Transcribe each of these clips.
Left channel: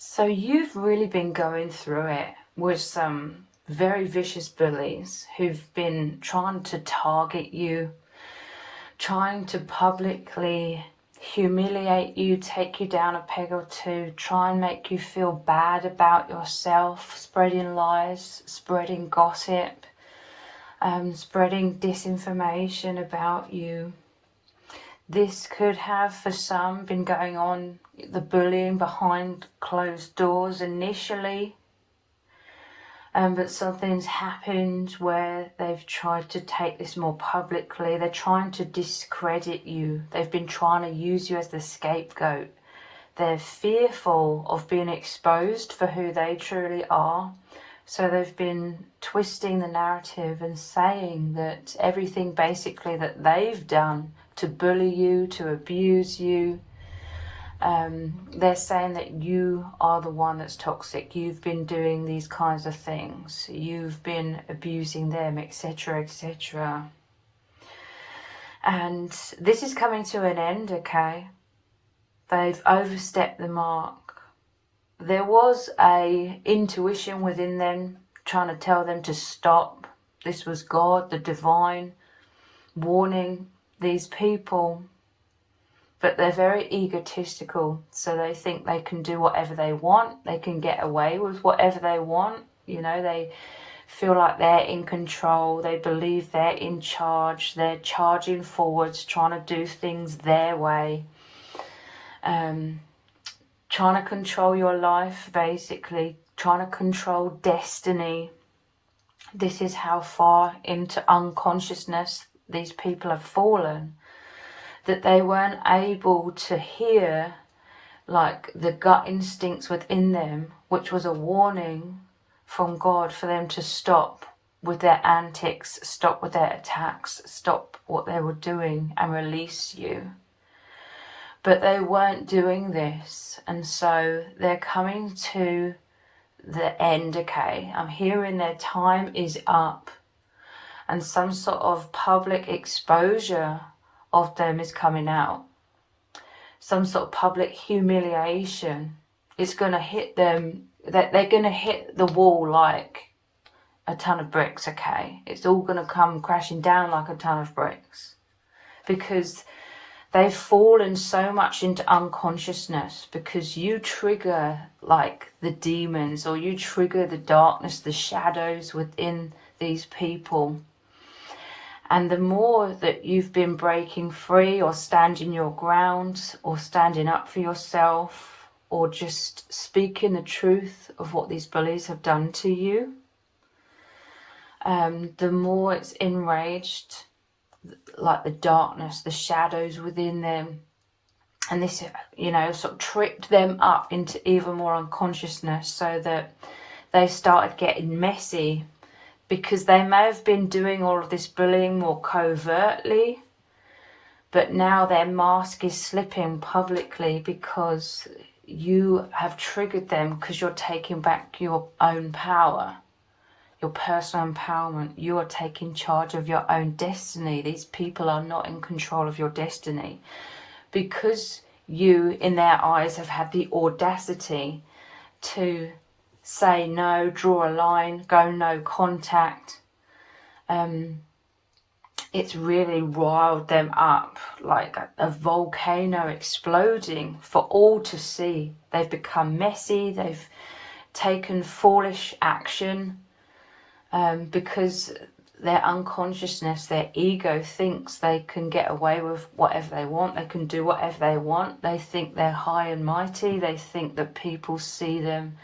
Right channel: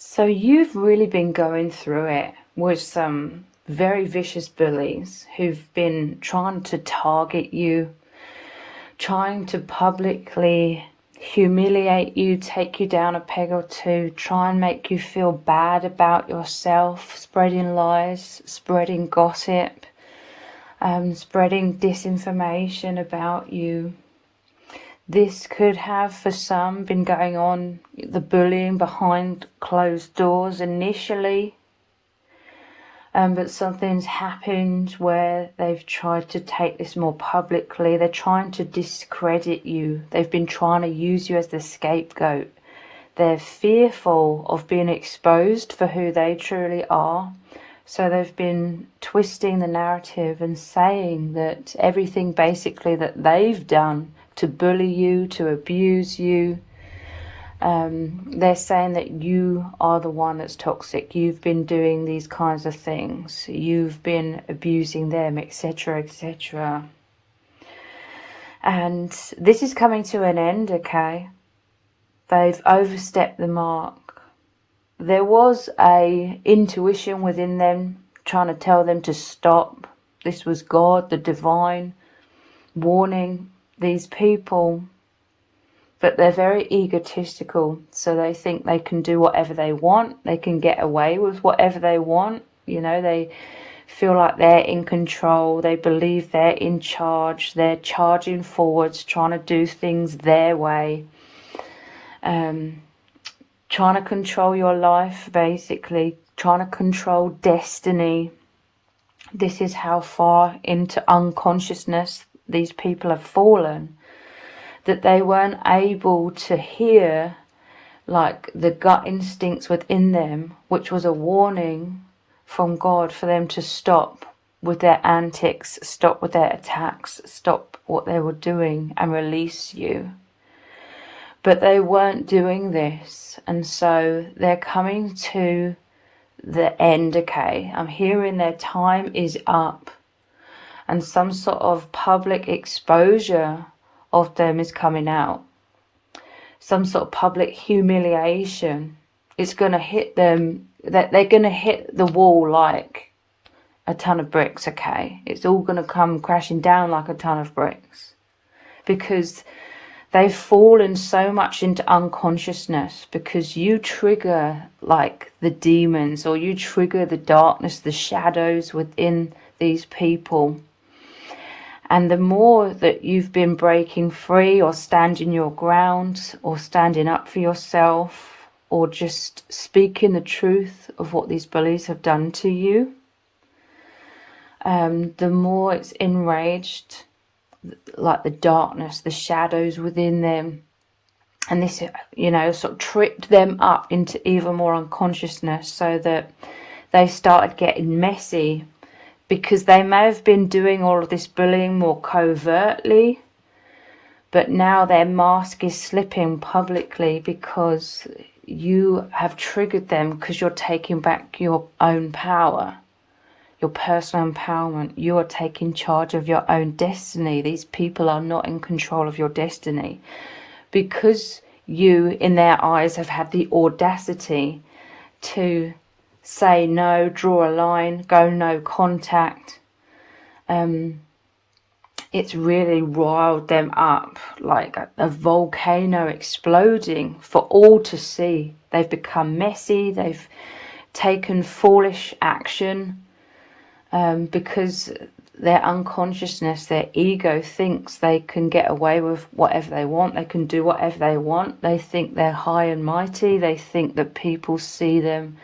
So you've really been going through it with some very vicious bullies who've been trying to target you, trying to publicly humiliate you, take you down a peg or two, try and make you feel bad about yourself, spreading lies, spreading gossip, spreading disinformation about you. This could have, for some, been going on, the bullying behind closed doors initially. But something's happened where they've tried to take this more publicly. They're trying to discredit you. They've been trying to use you as the scapegoat. They're fearful of being exposed for who they truly are. So they've been twisting the narrative and saying that everything basically that they've done to bully you, to abuse you, they're saying that you are the one that's toxic. You've been doing these kinds of things. You've been abusing them, etc., etc. And this is coming to an end, okay? They've overstepped the mark. There was a intuition within them trying to tell them to stop. This was God, the divine, warning these people. But they're very egotistical, so they think they can do whatever they want. They can get away with whatever they want. You know, they feel like they're in control. They believe they're in charge. They're charging forwards, trying to do things their way. Trying to control your life, basically. Trying to control destiny. This is how far into unconsciousness these people have fallen, that they weren't able to hear like the gut instincts within them, which was a warning from God for them to stop with their antics, stop with their attacks, stop what they were doing and release you. But they weren't doing this, and so they're coming to the end, okay? I'm hearing their time is up, and some sort of public exposure of them is coming out. Some sort of public humiliation. It's going to hit them, that they're going to hit the wall like a ton of bricks, okay? It's all going to come crashing down like a ton of bricks, because they've fallen so much into unconsciousness, because you trigger like the demons, or you trigger the darkness, the shadows within these people. And the more that you've been breaking free, or standing your ground, or standing up for yourself, or just speaking the truth of what these bullies have done to you, the more it's enraged, like the darkness, the shadows within them. And this, you know, sort of tripped them up into even more unconsciousness, so that they started getting messy. Because they may have been doing all of this bullying more covertly, but now their mask is slipping publicly, because you have triggered them, because you're taking back your own power, your personal empowerment. You are taking charge of your own destiny. These people are not in control of your destiny, because you, in their eyes, have had the audacity to say no, draw a line, go no contact. It's really riled them up like a volcano exploding for all to see. They've become messy. They've taken foolish action because their unconsciousness, their ego thinks they can get away with whatever they want. They can do whatever they want. They think they're high and mighty. They think that people see them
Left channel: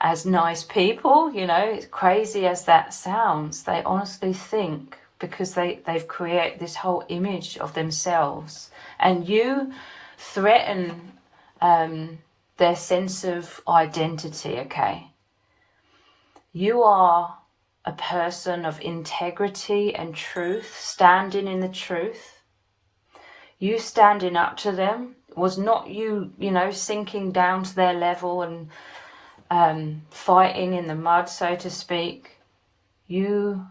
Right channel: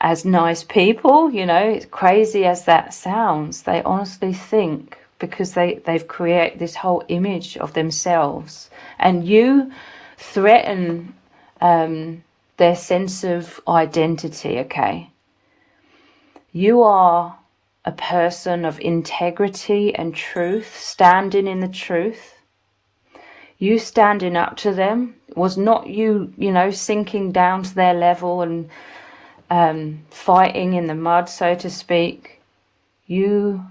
as nice people, you know, it's crazy as that sounds. They honestly think, because they've created this whole image of themselves, and you threaten their sense of identity, okay? You are a person of integrity and truth, standing in the truth. You standing up to them was not you, you know, sinking down to their level and fighting in the mud, so to speak. You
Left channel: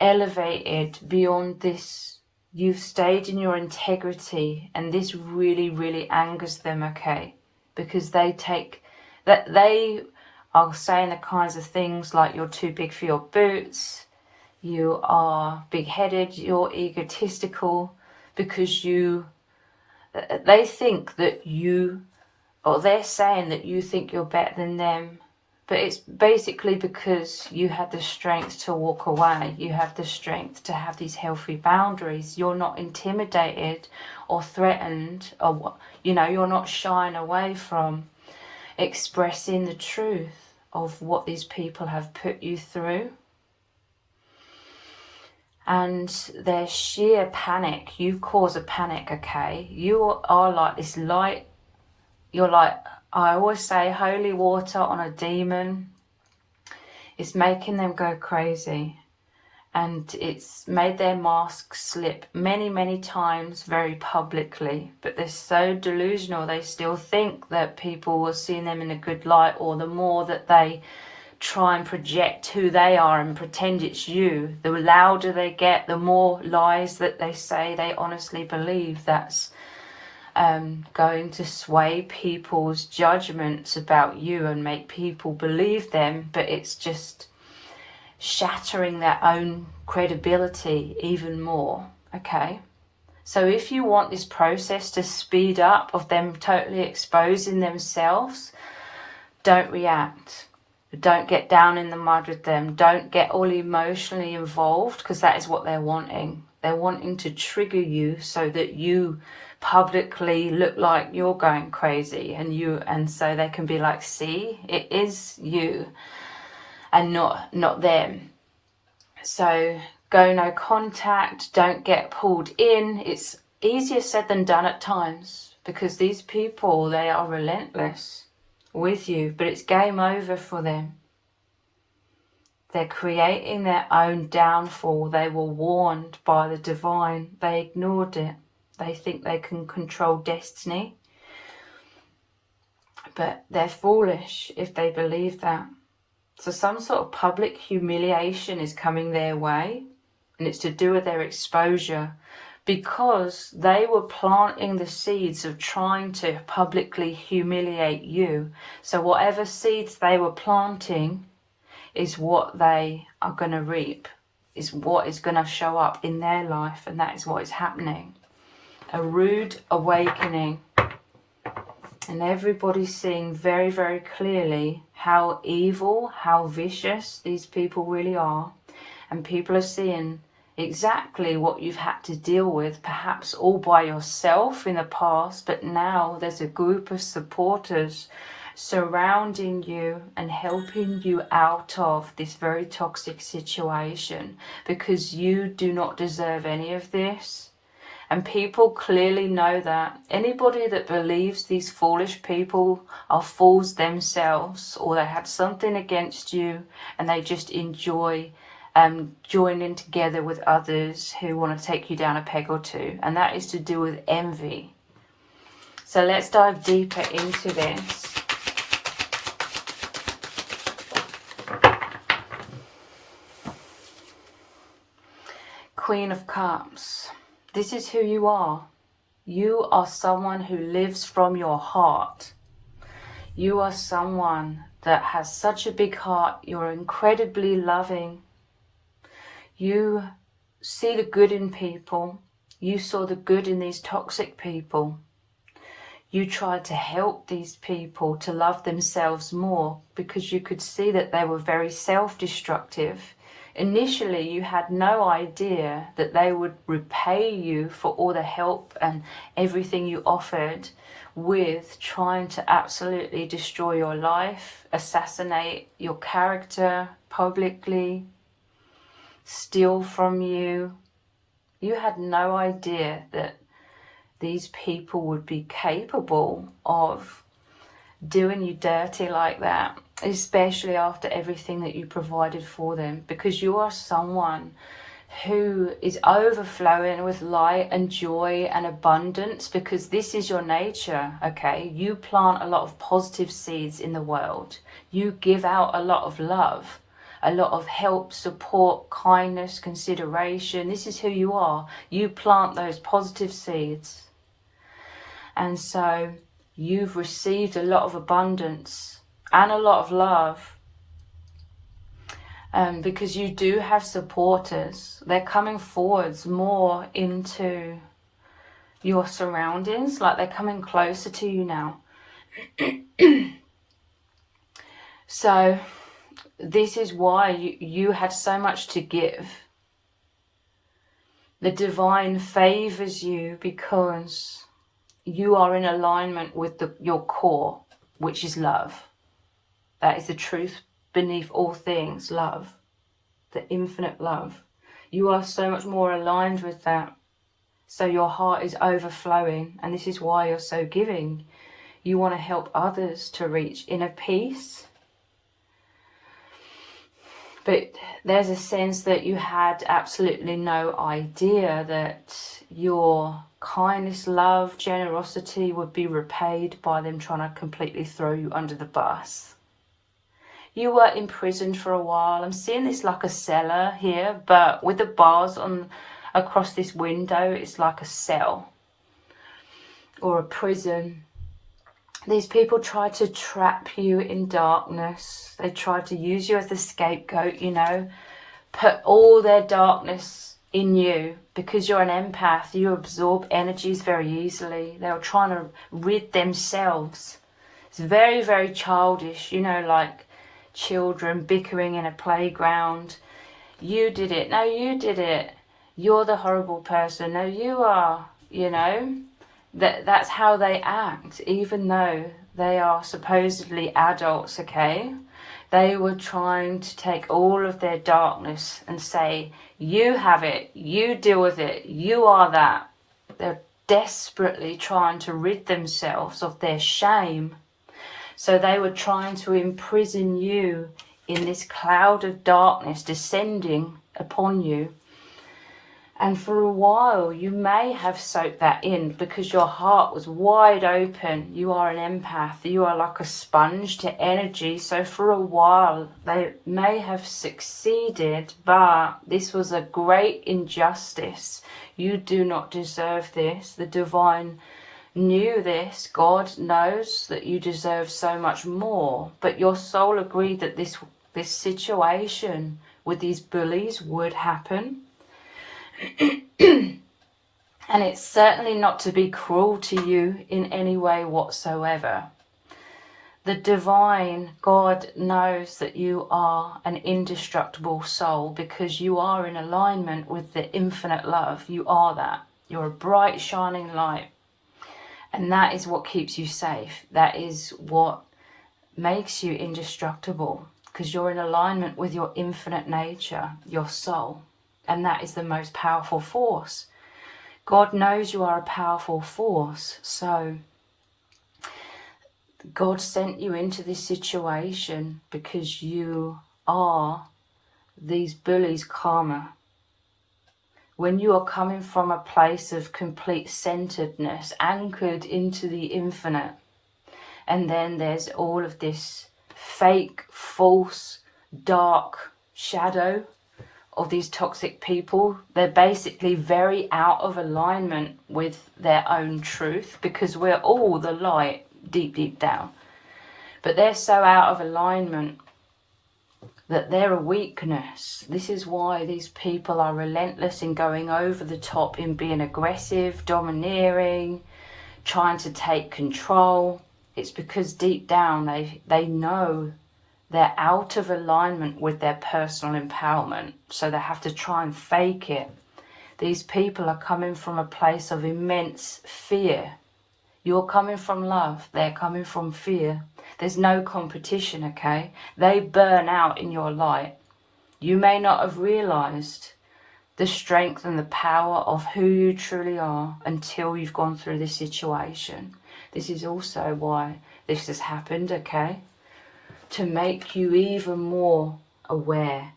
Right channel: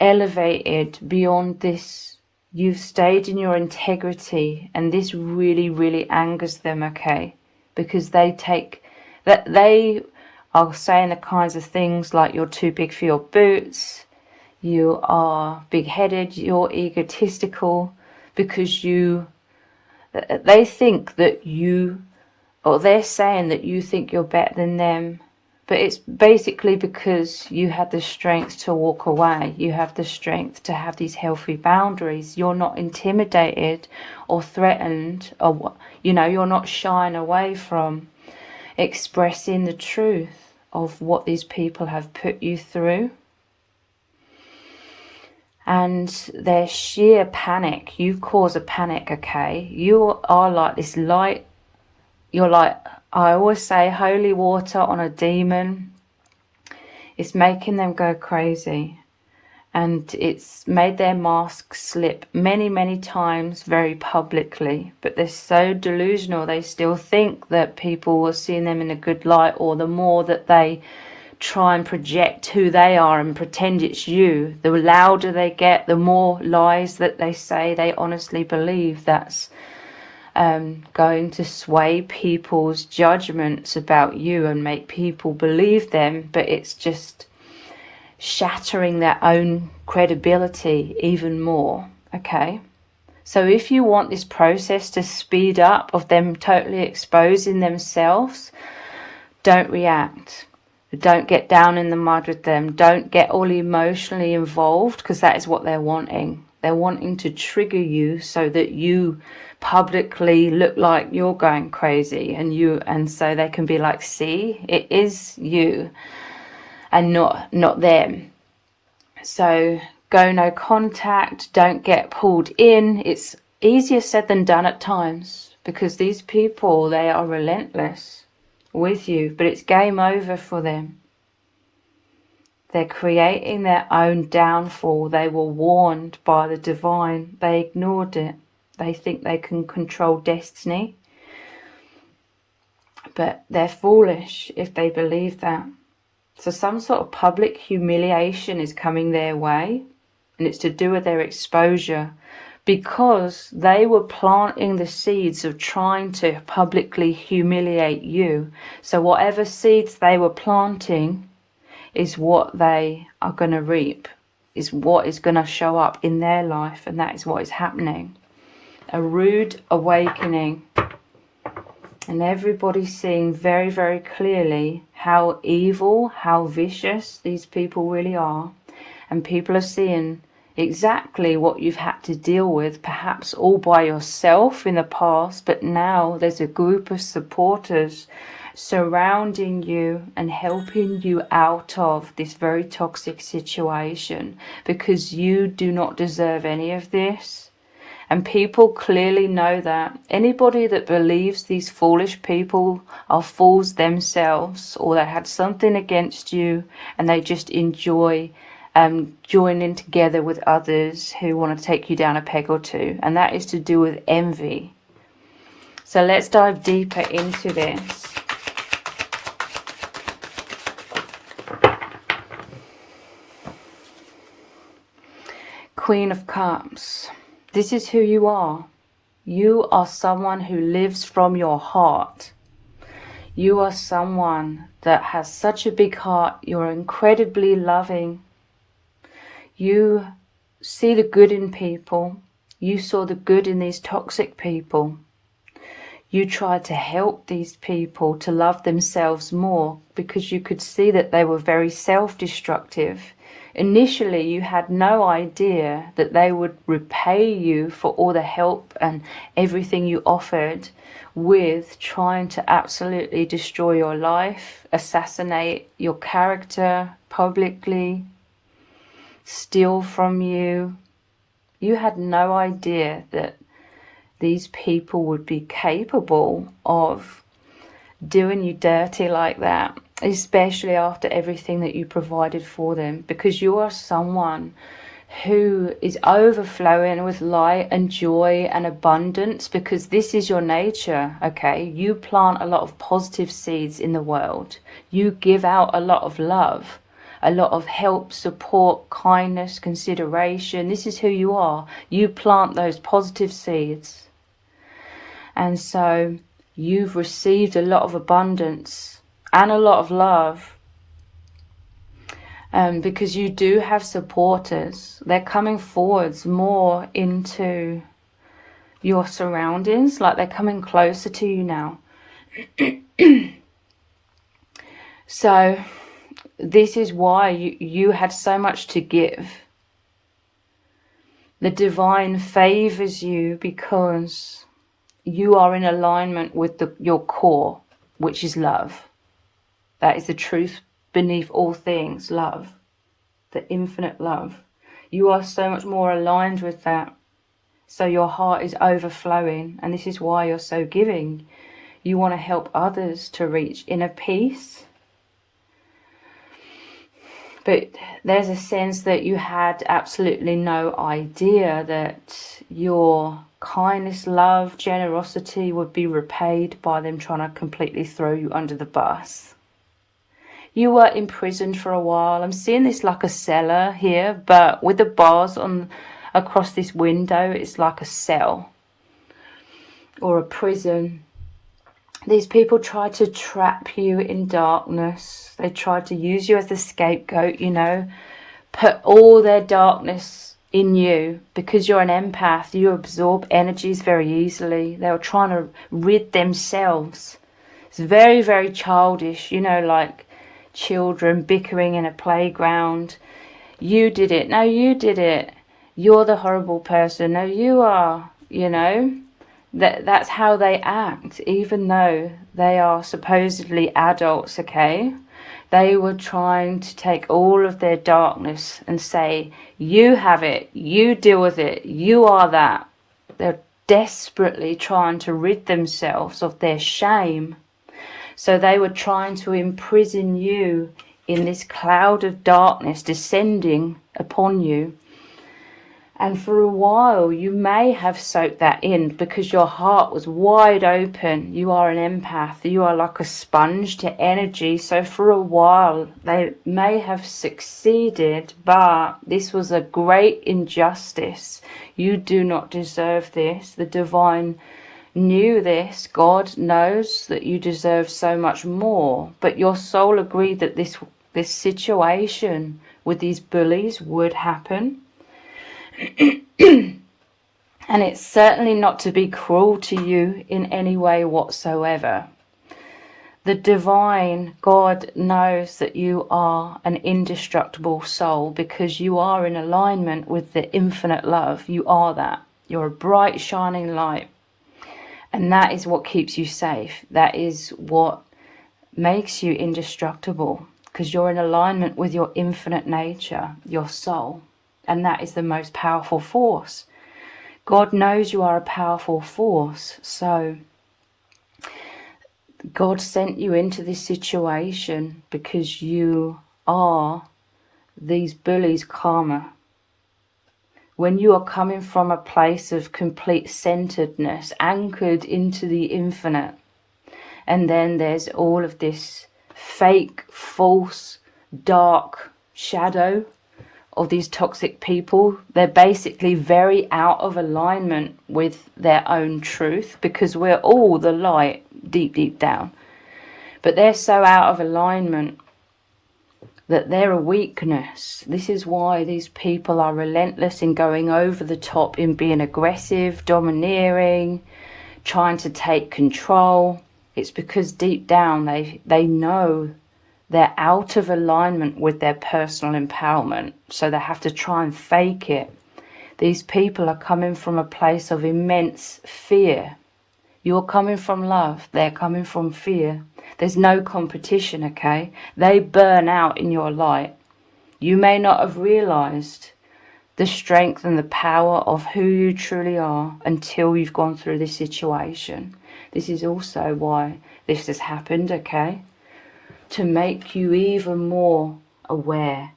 elevated beyond this. You've stayed in your integrity, and this really, really angers them, okay? because they are saying the kinds of things like you're too big for your boots, you are big-headed, you're egotistical, because they think that they're saying that you think you're better than them. But it's basically because you had the strength to walk away. You have the strength to have these healthy boundaries. You're not intimidated or threatened, or you're not shying away from expressing the truth of what these people have put you through. And their sheer panic, you cause a panic, okay? You are like this light. You're like, I always say, holy water on a demon. It's making them go crazy. And it's made their mask slip many, many times very publicly. But they're so delusional, they still think that people are seeing them in a good light, or the more that they try and project who they are and pretend it's you, the louder they get, the more lies that they say they honestly believe. That's going to sway people's judgments about you and make people believe them, but it's just shattering their own credibility even more, okay? So if you want this process to speed up, of them totally exposing themselves, don't react. Don't get down in the mud with them. Don't get all emotionally involved, because that is what they're wanting. They're wanting to trigger you so that you publicly look like you're going crazy, and so they can be like, see, it is you and not them. So go no contact, don't get pulled in. It's easier said than done at times, because these people, they are relentless with you, but it's game over for them. They're creating their own downfall. They were warned by the divine. They ignored it. They think they can control destiny. But they're foolish if they believe that. So some sort of public humiliation is coming their way, and it's to do with their exposure, because they were planting the seeds of trying to publicly humiliate you. So whatever seeds they were planting is what they are going to reap, is what is going to show up in their life, and that is what is happening. A rude awakening, and everybody's seeing very, very clearly how evil, how vicious these people really are, and people are seeing exactly what you've had to deal with, perhaps all by yourself in the past, but now there's a group of supporters surrounding you and helping you out of this very toxic situation, because you do not deserve any of this. And people clearly know that. Anybody that believes these foolish people are fools themselves, or they had something against you and they just enjoy joining together with others who want to take you down a peg or two, and that is to do with envy. So let's dive deeper into this. Queen of Cups. This is who you are. You are someone who lives from your heart. You are someone that has such a big heart. You're incredibly loving. You see the good in people. You saw the good in these toxic people. You tried to help these people to love themselves more, because you could see that they were very self-destructive. Initially, you had no idea that they would repay you for all the help and everything you offered with trying to absolutely destroy your life, assassinate your character publicly, steal from you. You had no idea that these people would be capable of doing you dirty like that, especially after everything that you provided for them, because you are someone who is overflowing with light and joy and abundance, because this is your nature, okay? You plant a lot of positive seeds in the world. You give out a lot of love, a lot of help, support, kindness, consideration. This is who you are. You plant those positive seeds. And so You've received a lot of abundance and a lot of love. Because you do have supporters. They're coming forwards more into your surroundings, like they're coming closer to you now. So this is why you had so much to give. The divine favors you because you are in alignment with your core, which is love. That is the truth beneath all things, love, the infinite love. You are so much more aligned with that. So your heart is overflowing, and this is why you're so giving. You want to help others to reach inner peace. But there's a sense that you had absolutely no idea that your kindness, love, generosity would be repaid by them trying to completely throw you under the bus. You were imprisoned for a while. I'm seeing this like a cellar here, but with the bars on across this window, it's like a cell or a prison. These people try to trap you in darkness. They try to use you as the scapegoat, you know, put all their darkness in you because you're an empath. You absorb energies very easily. They were trying to rid themselves. It's very, very childish, you know, like children bickering in a playground. You did it. No, you did it. You're the horrible person. No, you are, you know. That's how they act, even though they are supposedly adults, okay? They were trying to take all of their darkness and say, you have it, you deal with it, you are that. They're desperately trying to rid themselves of their shame. So they were trying to imprison you in this cloud of darkness descending upon you. And for a while, you may have soaked that in because your heart was wide open. You are an empath. You are like a sponge to energy. So for a while, they may have succeeded, but this was a great injustice. You do not deserve this. The divine knew this. God knows that you deserve so much more. But your soul agreed that this situation with these bullies would happen. And it's certainly not to be cruel to you in any way whatsoever. The divine God knows that you are an indestructible soul because you are in alignment with the infinite love. You are that. You're a bright, shining light. And that is what keeps you safe. That is what makes you indestructible because you're in alignment with your infinite nature, your soul. And that is the most powerful force. God knows you are a powerful force. So God sent you into this situation because you are these bullies' karma. When you are coming from a place of complete centeredness, anchored into the infinite, and then there's all of this fake, false, dark shadow of these toxic people. They're basically very out of alignment with their own truth because we're all the light deep, deep down. But they're so out of alignment that they're a weakness. This is why these people are relentless in going over the top, in being aggressive, domineering, trying to take control. It's because deep down they know they're out of alignment with their personal empowerment, so they have to try and fake it. These people are coming from a place of immense fear. You're coming from love, they're coming from fear. There's no competition, okay? They burn out in your light. You may not have realized the strength and the power of who you truly are until you've gone through this situation. This is also why this has happened, okay? To make you even more aware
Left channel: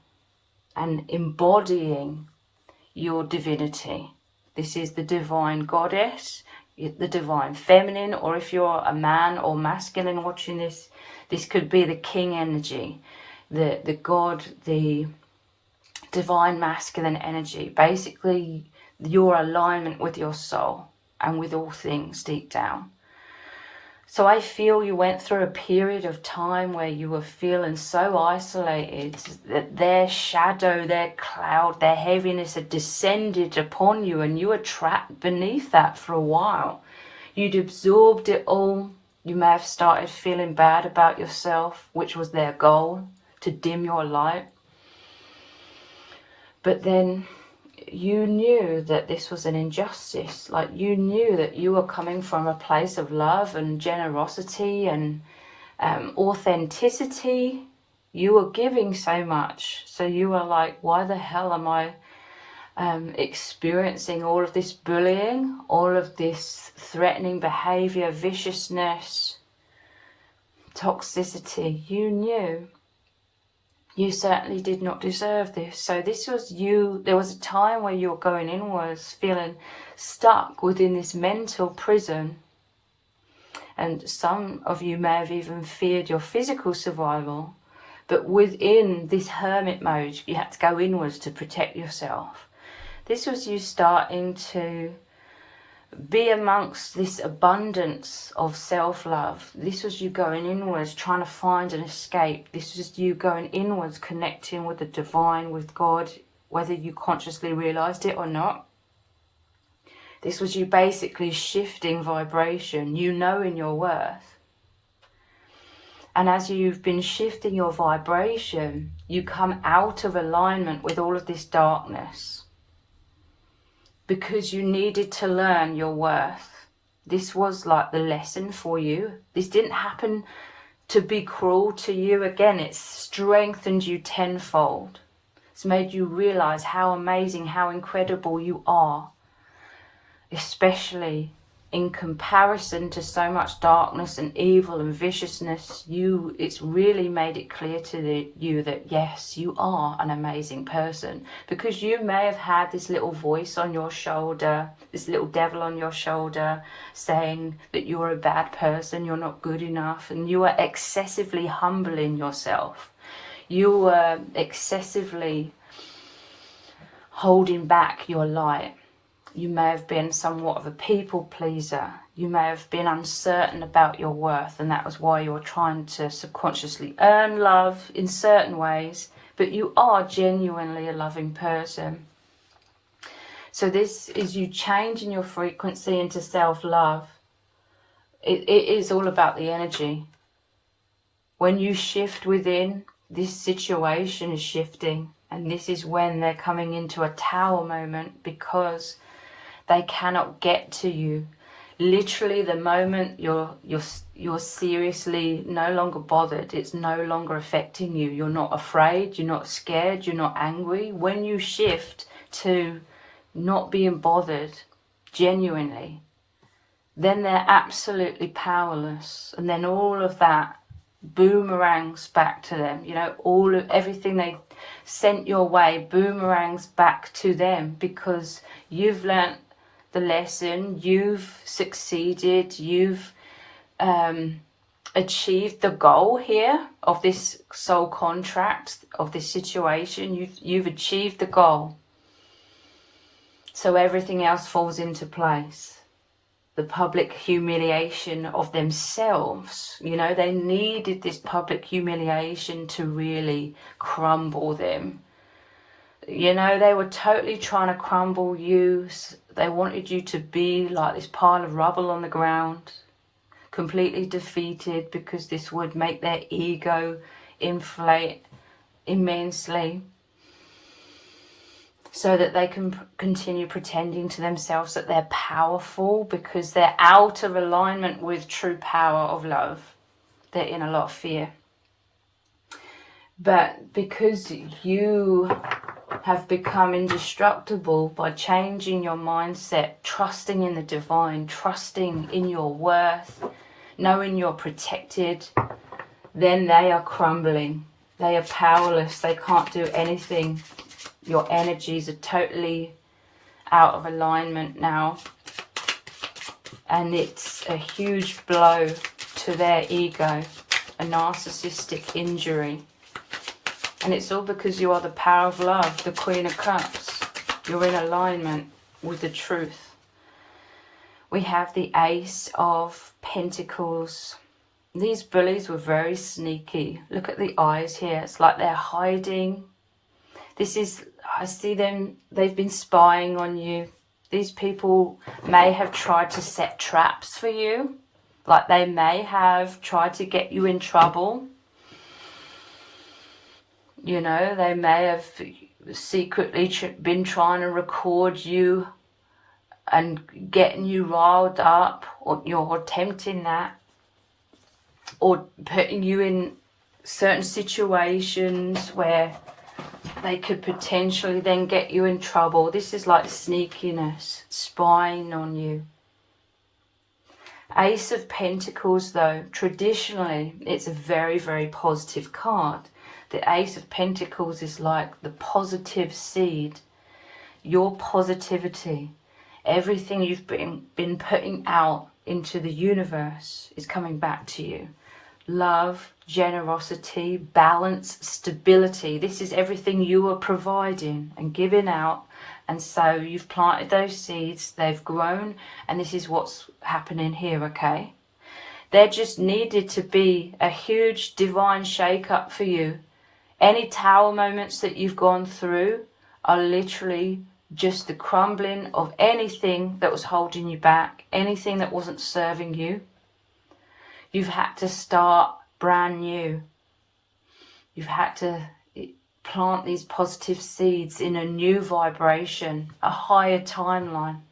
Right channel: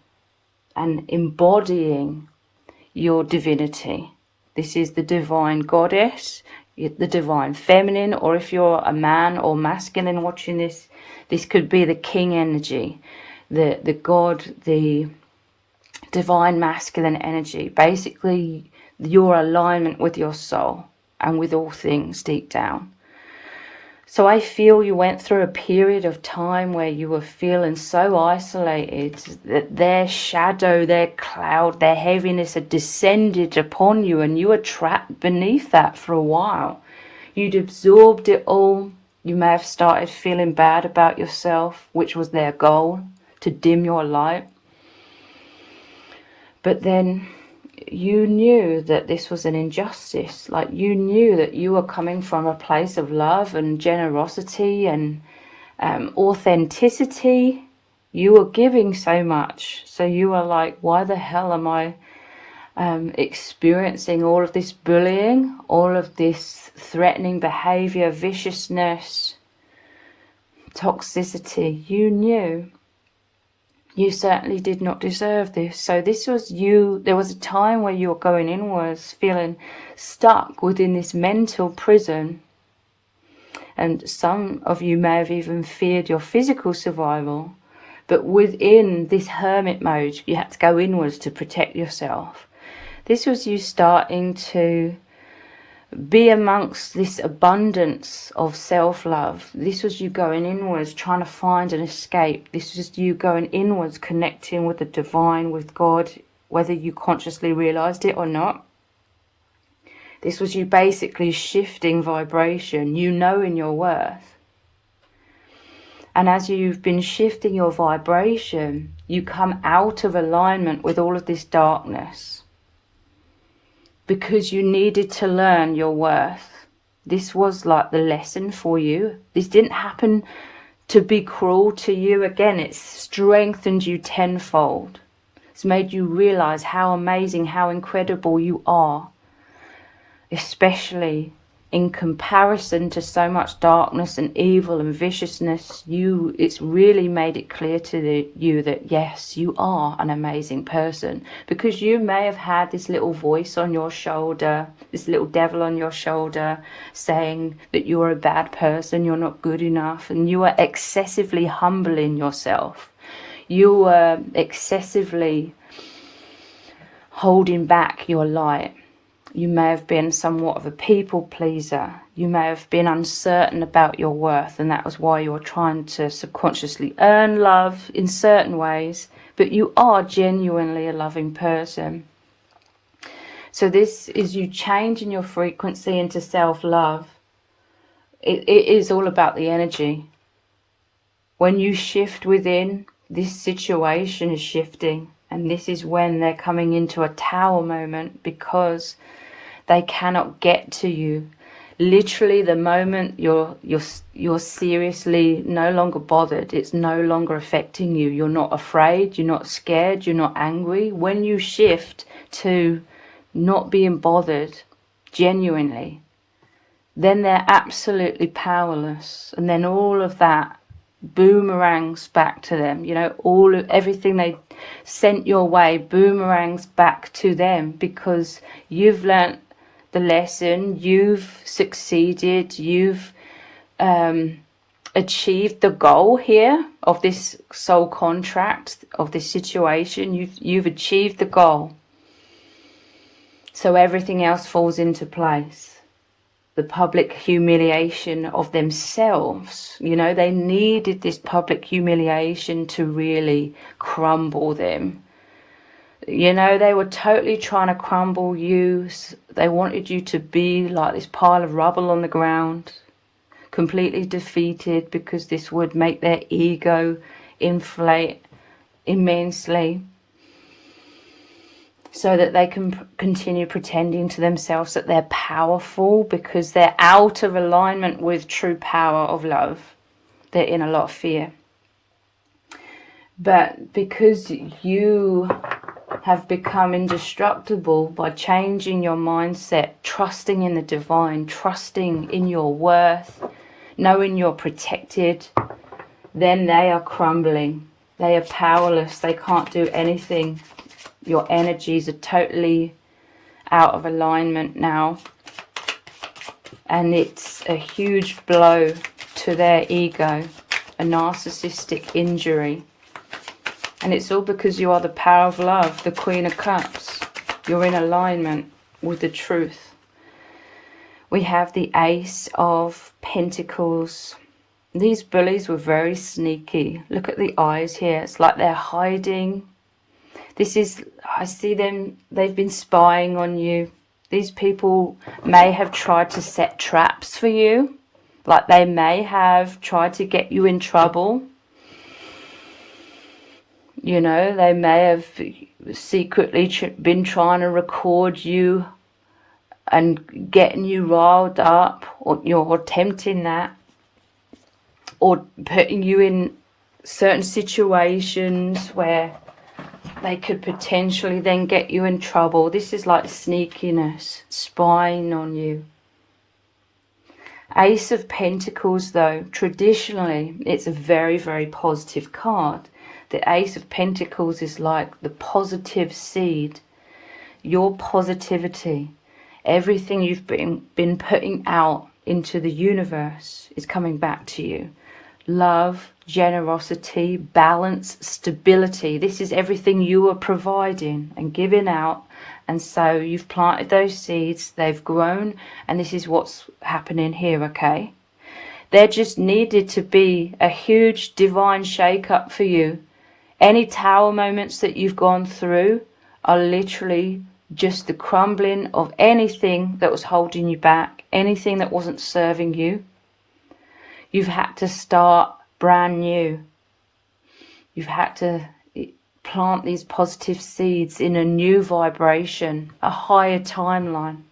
and embodying your divinity. This is the divine goddess, the divine feminine, or if you're a man or masculine watching this, this could be the king energy, the god, the divine masculine energy. Basically, your alignment with your soul and with all things deep down. So I feel you went through a period of time where you were feeling so isolated that their shadow, their cloud, their heaviness had descended upon you, and you were trapped beneath that for a while. You'd absorbed it all. You may have started feeling bad about yourself, which was their goal, to dim your light. But then you knew that this was an injustice. Like, you knew that you were coming from a place of love and generosity and authenticity. You were giving so much. So you were like, why the hell am I experiencing all of this bullying, all of this threatening behavior, viciousness, toxicity? You knew. You certainly did not deserve this. So this was you. There was a time where you were going inwards, feeling stuck within this mental prison. And some of you may have even feared your physical survival. But within this hermit mode, you had to go inwards to protect yourself. This was you starting to be amongst this abundance of self-love. This was you going inwards, trying to find an escape. This was you going inwards, connecting with the divine, with God, whether you consciously realized it or not. This was you basically shifting vibration, you knowing your worth. And as you've been shifting your vibration, you come out of alignment with all of this darkness, because you needed to learn your worth. This was like the lesson for you. This didn't happen to be cruel to you. Again, it's strengthened you tenfold. It's made you realize how amazing, how incredible you are, especially in comparison to so much darkness and evil and viciousness. It's really made it clear to you that yes, you are an amazing person, because you may have had this little voice on your shoulder, this little devil on your shoulder saying that you're a bad person, you're not good enough, and you were excessively humbling yourself. You were excessively holding back your light. You may have been somewhat of a people pleaser. You may have been uncertain about your worth, and that was why you were trying to subconsciously earn love in certain ways, but you are genuinely a loving person. So this is you changing your frequency into self-love. It is all about the energy. When you shift within, this situation is shifting, and this is when they're coming into a tower moment, because they cannot get to you. Literally, the moment you're seriously no longer bothered, it's no longer affecting you. You're not afraid, you're not scared, you're not angry. When you shift to not being bothered genuinely, then they're absolutely powerless. And then all of that boomerangs back to them. You know, everything they sent your way boomerangs back to them, because you've learnt the lesson, you've succeeded, you've achieved the goal here of this soul contract, of this situation. You've achieved the goal. So everything else falls into place. The public humiliation of themselves, you know, they needed this public humiliation to really crumble them. You know, they were totally trying to crumble you. They wanted you to be like this pile of rubble on the ground, completely defeated, because this would make their ego inflate immensely, so that they can continue pretending to themselves that they're powerful, because they're out of alignment with true power of love. They're in a lot of fear. But because you have become indestructible by changing your mindset, trusting in the divine, trusting in your worth, knowing you're protected, then they are crumbling. They are powerless. They can't do anything. Your energies are totally out of alignment now. And it's a huge blow to their ego, a narcissistic injury. And it's all because you are the power of love, the Queen of Cups. You're in alignment with the truth, We have the Ace of Pentacles. These bullies were very sneaky. Look at the eyes here. It's like they're hiding. This is, I see them, they've been spying on you. These people may have tried to set traps for you. Like they may have tried to get you in trouble. You know, they may have secretly been trying to record you and getting you riled up, or you're attempting that, or putting you in certain situations where they could potentially then get you in trouble. This is like sneakiness, spying on you. Ace of Pentacles, though, traditionally, it's a very, very positive card. The Ace of Pentacles is like the positive seed, your positivity. Everything you've been putting out into the universe is coming back to you. Love, generosity, balance, stability. This is everything you are providing and giving out. And so you've planted those seeds, they've grown, and this is what's happening here, okay? There just needed to be a huge divine shake-up for you. Any tower moments that you've gone through are literally just the crumbling of anything that was holding you back, anything that wasn't serving you. You've had to start brand new. You've had to plant these positive seeds in a new vibration, a higher timeline.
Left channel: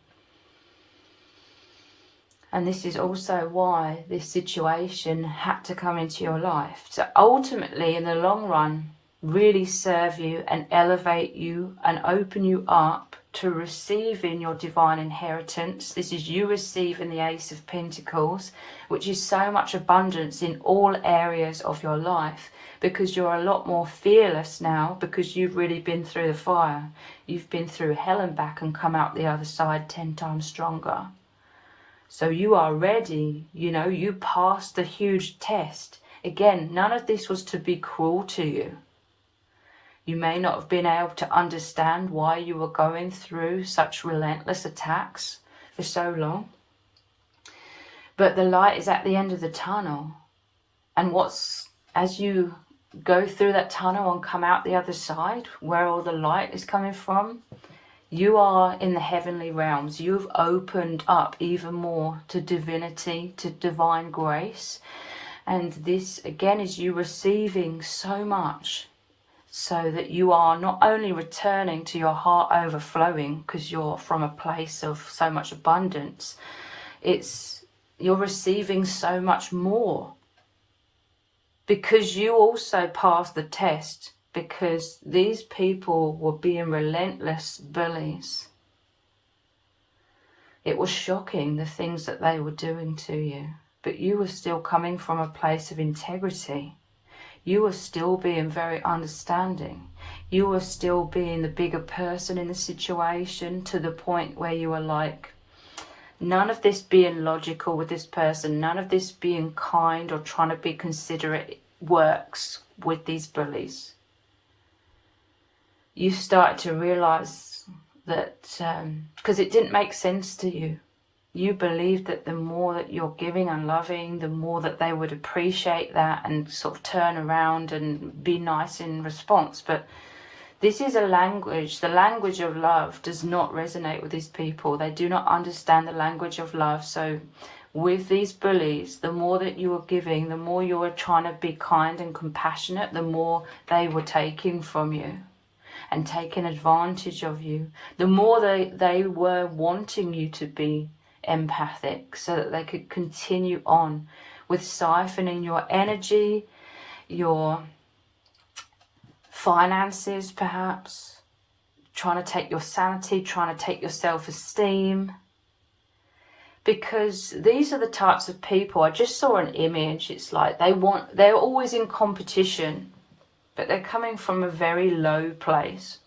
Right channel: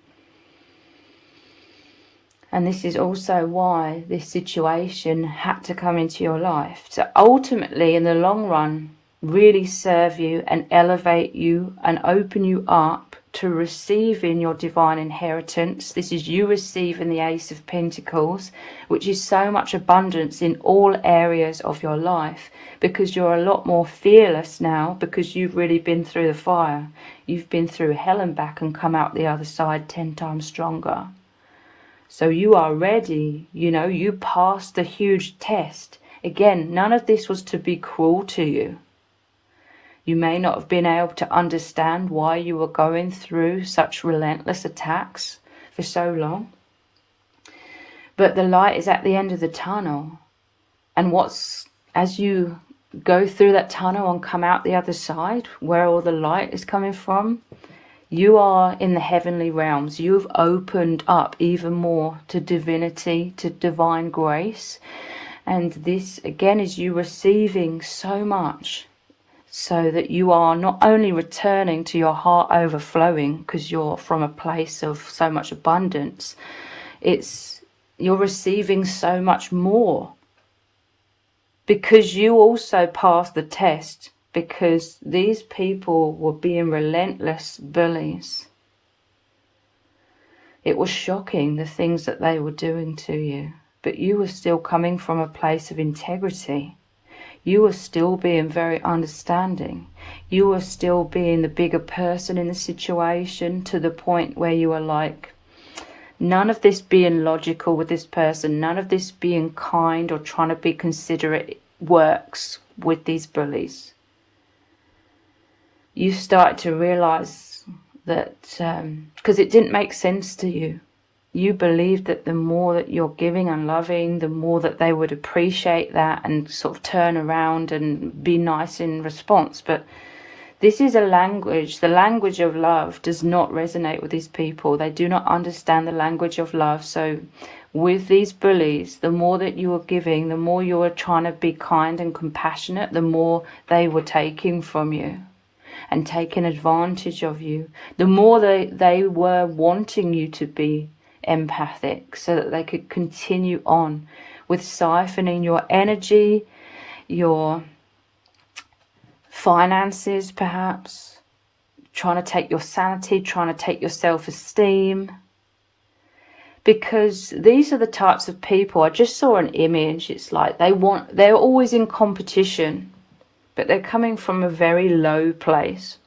And this is also why this situation had to come into your life, to ultimately, in the long run, really serve you and elevate you and open you up to receiving your divine inheritance. This is you receiving the Ace of Pentacles, which is so much abundance in all areas of your life, because you're a lot more fearless now, because you've really been through the fire. You've been through hell and back and come out the other side 10 times stronger. So you are ready, you know, you passed the huge test. Again, none of this was to be cruel to you. You may not have been able to understand why you were going through such relentless attacks for so long. But the light is at the end of the tunnel. And as you go through that tunnel and come out the other side, where all the light is coming from, you are in the heavenly realms. You've opened up even more to divinity, to divine grace. And this, again, is you receiving so much, so that you are not only returning to your heart overflowing, because you're from a place of so much abundance, you're receiving so much more. Because you also passed the test, because these people were being relentless bullies. It was shocking, the things that they were doing to you, but you were still coming from a place of integrity. You were still being very understanding. You were still being the bigger person in the situation, to the point where you were like, none of this being logical with this person, none of this being kind or trying to be considerate works with these bullies. You start to realize that, because it didn't make sense to you. You believed that the more that you're giving and loving, the more that they would appreciate that and sort of turn around and be nice in response. But this is a language, the language of love does not resonate with these people. They do not understand the language of love. So with these bullies, the more that you are giving, the more you are trying to be kind and compassionate, the more they were taking from you and taking advantage of you. The more they were wanting you to be empathic, so that they could continue on with siphoning your energy, your finances, perhaps trying to take your sanity, trying to take your self-esteem. Because these are the types of people, I just saw an image, it's like they're always in competition, but they're coming from a very low place.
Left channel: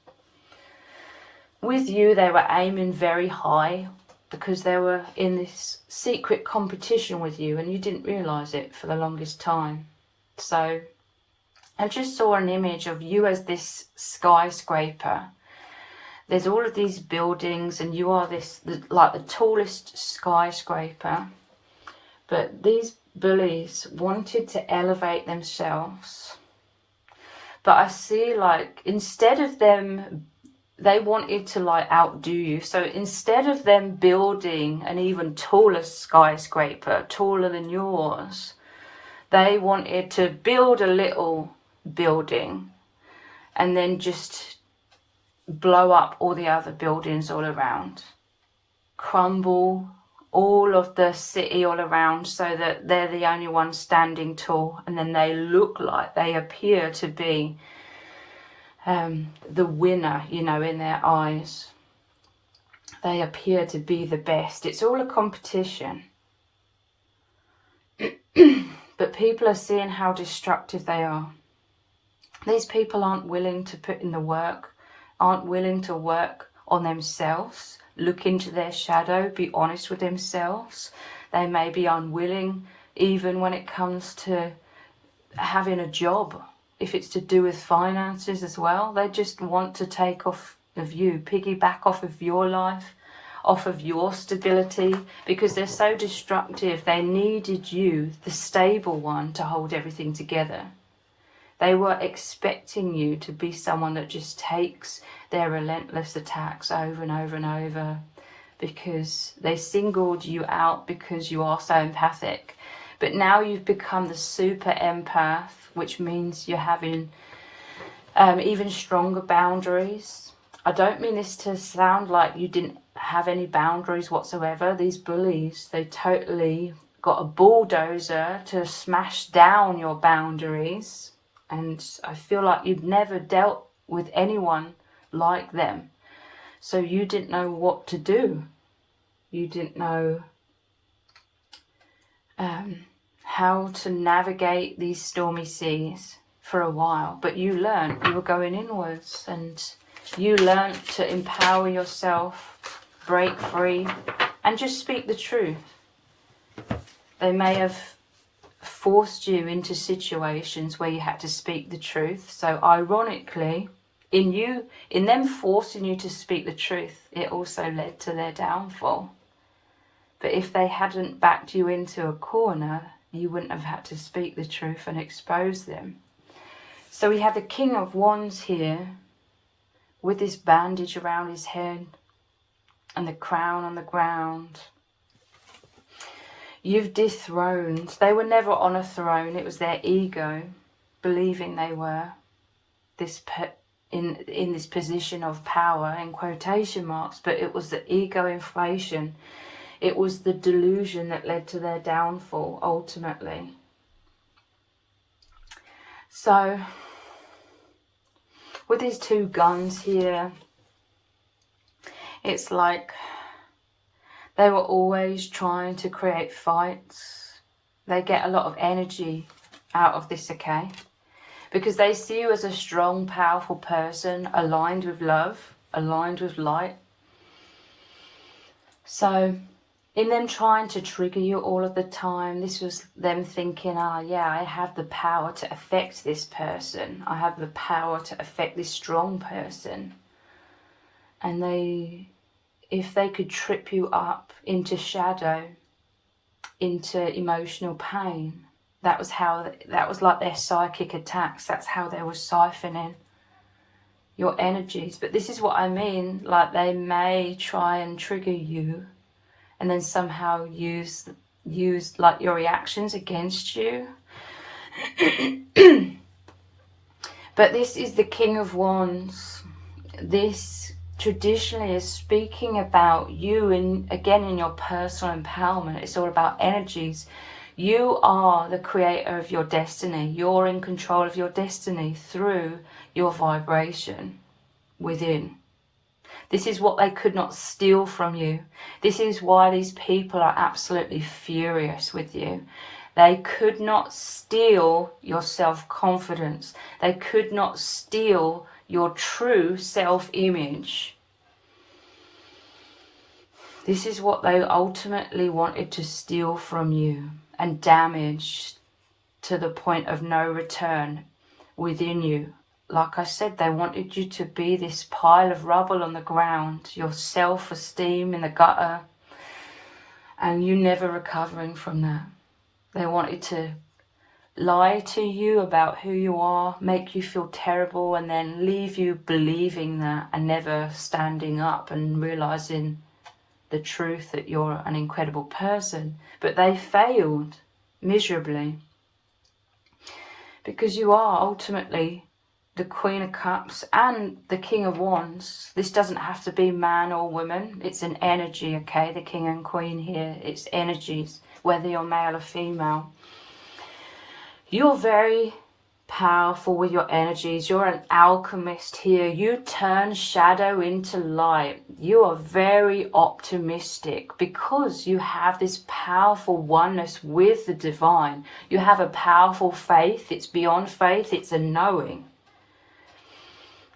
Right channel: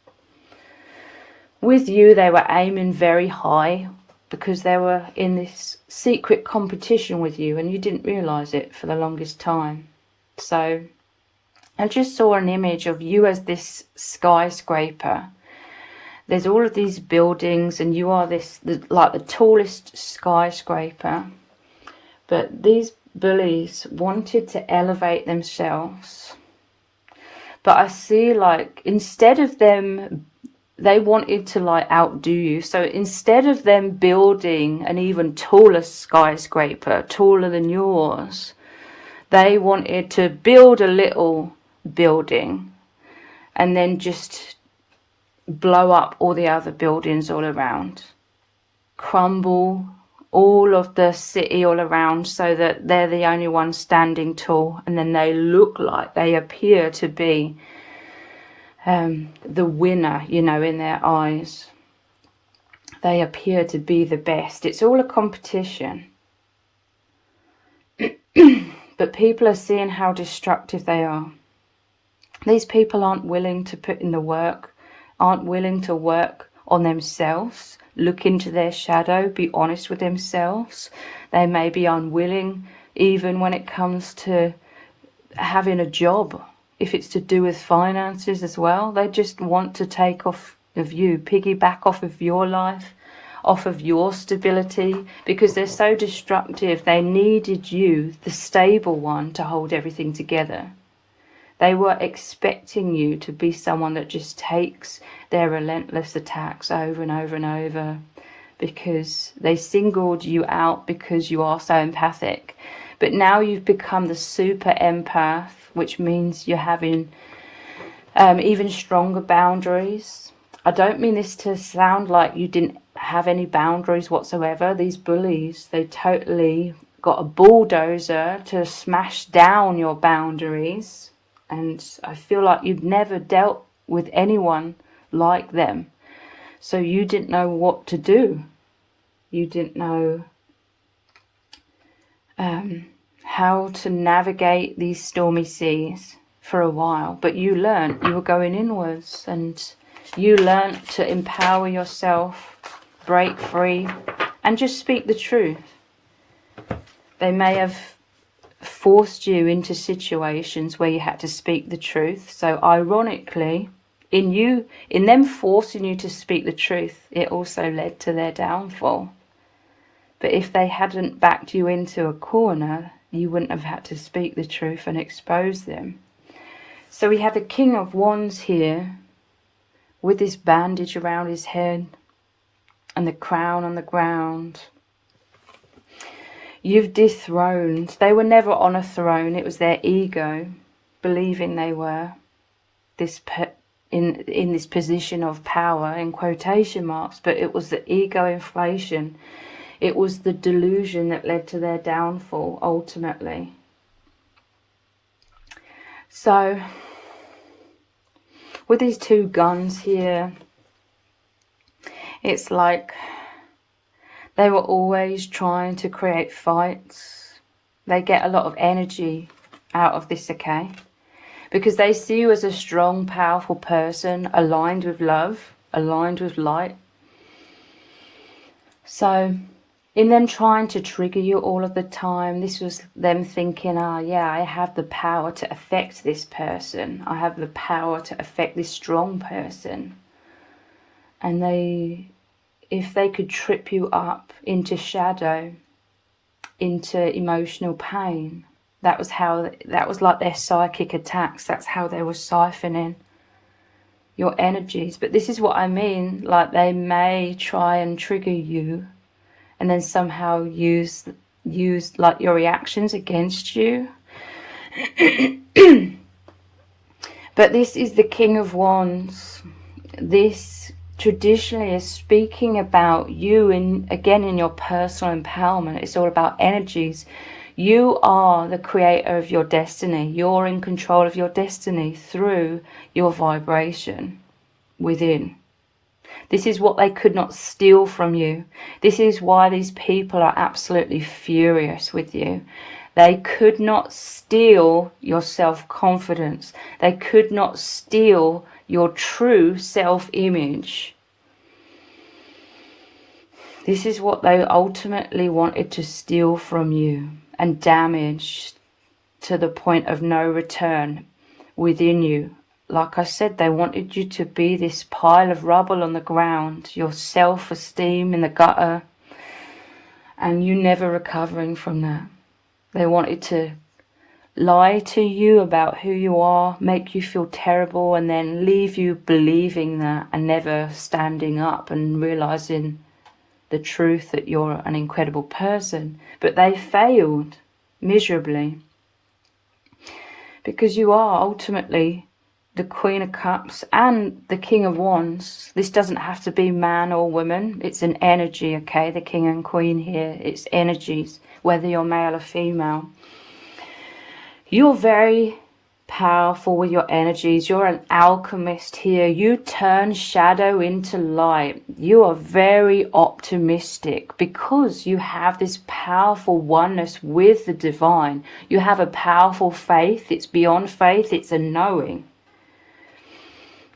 With you, they were aiming very high, because they were in this secret competition with you, and you didn't realize it for the longest time. So I just saw an image of you as this skyscraper There's all of these buildings, and you are like the tallest skyscraper. But these bullies wanted to elevate themselves. But I see, like, instead of them, they wanted to, like, outdo you. So instead of them building an even taller skyscraper, taller than yours, they wanted to build a little building and then just blow up all the other buildings all around. Crumble all of the city all around so that they're the only ones standing tall, and then they look like they appear to be the winner, you know, in their eyes. They appear to be the best. It's all a competition. But people are seeing how destructive they are. These people aren't willing to put in the work, aren't willing to work on themselves, look into their shadow, be honest with themselves. They may be unwilling even when it comes to having a job. If it's to do with finances as well, they just want to take off of you, piggyback off of your life, off of your stability, because they're so destructive. They needed you, the stable one, to hold everything together. They were expecting you to be someone that just takes their relentless attacks over and over and over, because they singled you out because you are so empathic. But now you've become the super empath, which means you're having even stronger boundaries. I don't mean this to sound like you didn't have any boundaries whatsoever. These bullies, they totally got a bulldozer to smash down your boundaries. And I feel like you've never dealt with anyone like them. So you didn't know what to do. You didn't know how to navigate these stormy seas for a while. But you learned, you were going inwards, and you learned to empower yourself, break free, and just speak the truth. They may have forced you into situations where you had to speak the truth. So ironically, in them forcing you to speak the truth, it also led to their downfall. But if they hadn't backed you into a corner, you wouldn't have had to speak the truth and expose them. So we have the King of Wands here with this bandage around his head and the crown on the ground. You've dethroned. They were never on a throne. It was their ego believing they were in this position of power, in quotation marks, but it was the ego inflation. It was the delusion that led to their downfall ultimately. So with these two guns here, it's like they were always trying to create fights. They get a lot of energy out of this, okay? Because they see you as a strong, powerful person, aligned with love, aligned with light. So in them trying to trigger you all of the time, this was them thinking, yeah, I have the power to affect this person. I have the power to affect this strong person. And if they could trip you up into shadow, into emotional pain, that was like their psychic attacks. That's how they were siphoning your energies. But this is what I mean, like they may try and trigger you and then somehow use like your reactions against you. But this is the King of Wands. This traditionally is speaking about you again in your personal empowerment. It's all about energies. You are the creator of your destiny. You're in control of your destiny through your vibration within. This is what they could not steal from you. This is why these people are absolutely furious with you. They could not steal your self-confidence. They could not steal your true self-image. This is what they ultimately wanted to steal from you and damage to the point of no return within you like I said, they wanted you to be this pile of rubble on the ground, your self-esteem in the gutter, and you never recovering from that. They wanted to lie to you about who you are, make you feel terrible, and then leave you believing that and never standing up and realizing the truth that you're an incredible person. But they failed miserably, because you are ultimately the Queen of Cups and the King of Wands. This doesn't have to be man or woman. It's an energy, okay? The King and Queen here, it's energies, whether you're male or female. You're very powerful with your energies. You're an alchemist here. You turn shadow into light. You are very optimistic because you have this powerful oneness with the divine. You have a powerful faith. It's beyond faith. It's a knowing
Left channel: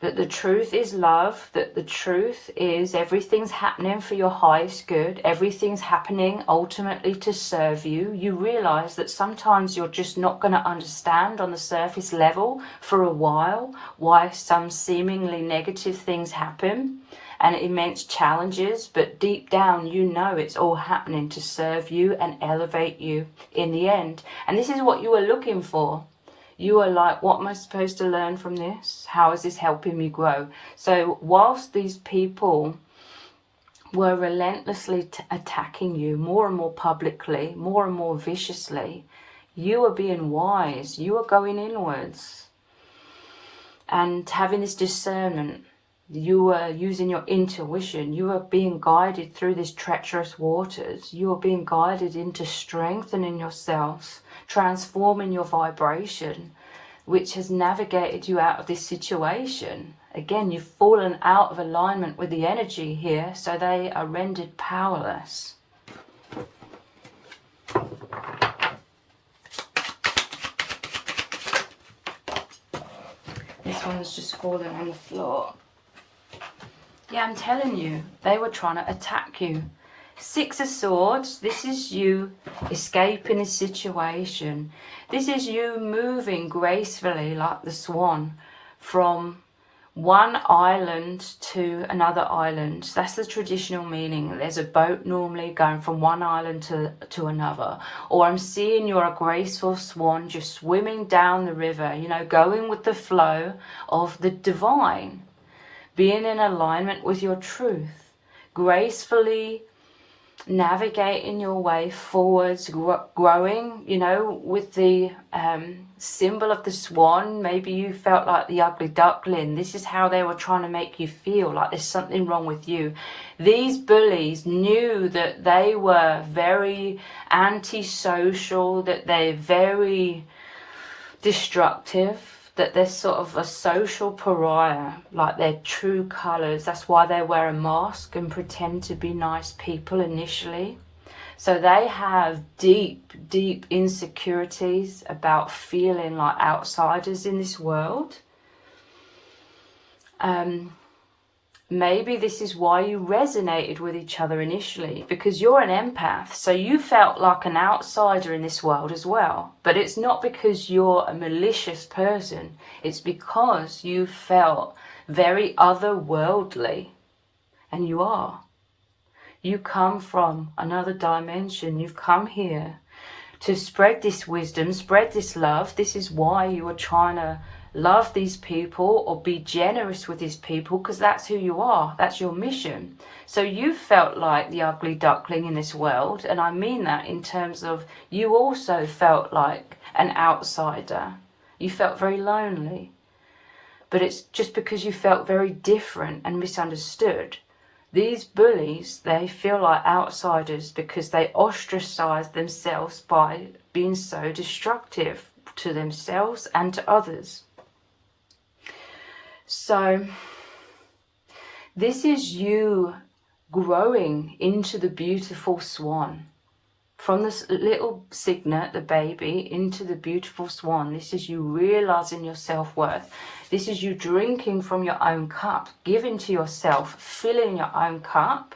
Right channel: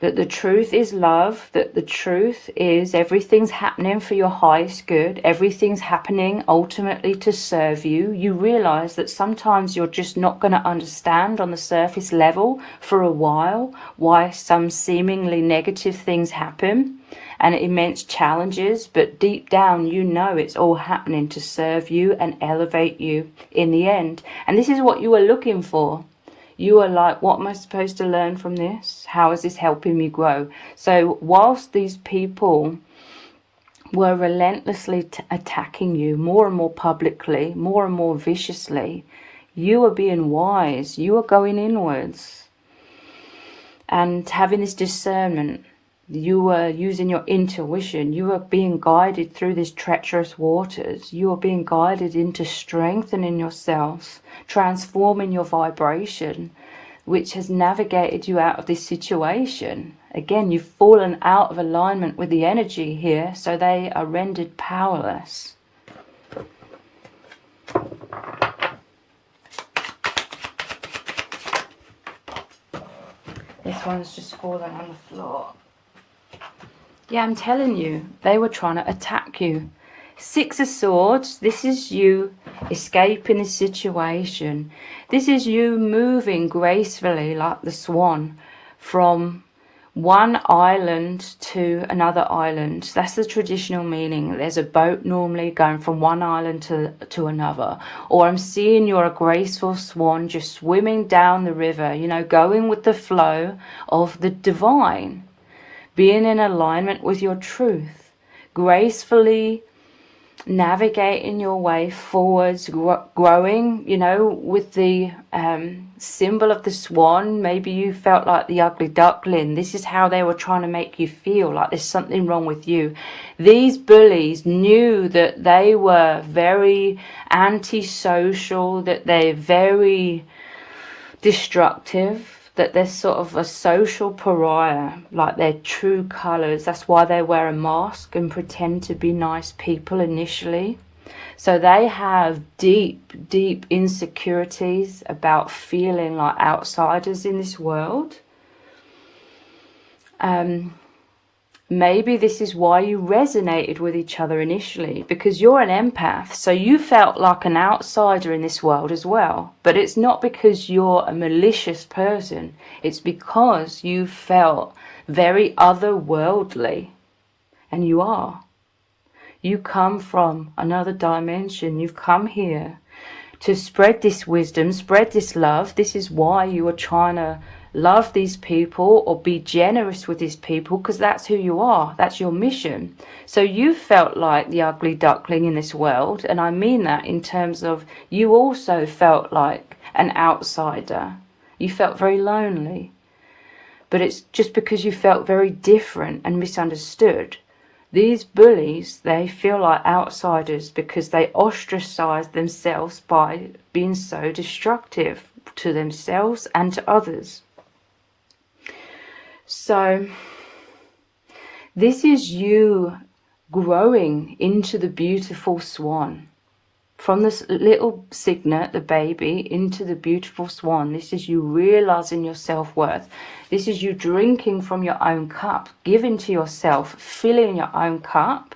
that the truth is love, that the truth is everything's happening for your highest good, everything's happening ultimately to serve you. You realize that sometimes you're just not going to understand on the surface level for a while why some seemingly negative things happen and immense challenges, but deep down you know it's all happening to serve you and elevate you in the end. And this is what you were looking for. You are like, what am I supposed to learn from this? How is this helping me grow? So whilst these people were relentlessly attacking you more and more publicly, more and more viciously, you are being wise. You are going inwards and having this discernment. You are using your intuition. You are being guided through these treacherous waters. You are being guided into strengthening yourselves, transforming your vibration, which has navigated you out of this situation. Again, you've fallen out of alignment with the energy here, so they are rendered powerless. This one's just fallen on the floor. Yeah, I'm telling you, they were trying to attack you. Six of Swords, this is you escaping the situation. This is you moving gracefully like the swan from one island to another island. That's the traditional meaning. There's a boat normally going from one island to another. Or I'm seeing you're a graceful swan just swimming down the river, you know, going with the flow of the divine. Being in alignment with your truth, gracefully navigating your way forwards, growing, you know, with the symbol of the swan. Maybe you felt like the ugly duckling. This is how they were trying to make you feel, like there's something wrong with you. These bullies knew that they were very antisocial, that they're very destructive, that they're sort of a social pariah, like their true colours. That's why they wear a mask and pretend to be nice people initially. So they have deep, deep insecurities about feeling like outsiders in this world. Maybe this is why you resonated with each other initially, because you're an empath, so you felt like an outsider in this world as well. But it's not because you're a malicious person, it's because you felt very otherworldly, and you are. You come from another dimension. You've come here to spread this wisdom, spread this love. This is why you are trying to love these people or be generous with these people, because that's who you are. That's your mission. So you felt like the ugly duckling in this world, and I mean that in terms of you also felt like an outsider. You felt very lonely, but it's just because you felt very different and misunderstood. These bullies, they feel like outsiders because they ostracize themselves by being so destructive to themselves and to others. So this is you growing into the beautiful swan. From this little cygnet, the baby, into the beautiful swan. This is you realizing your self-worth. This is you drinking from your own cup, giving to yourself, filling your own cup.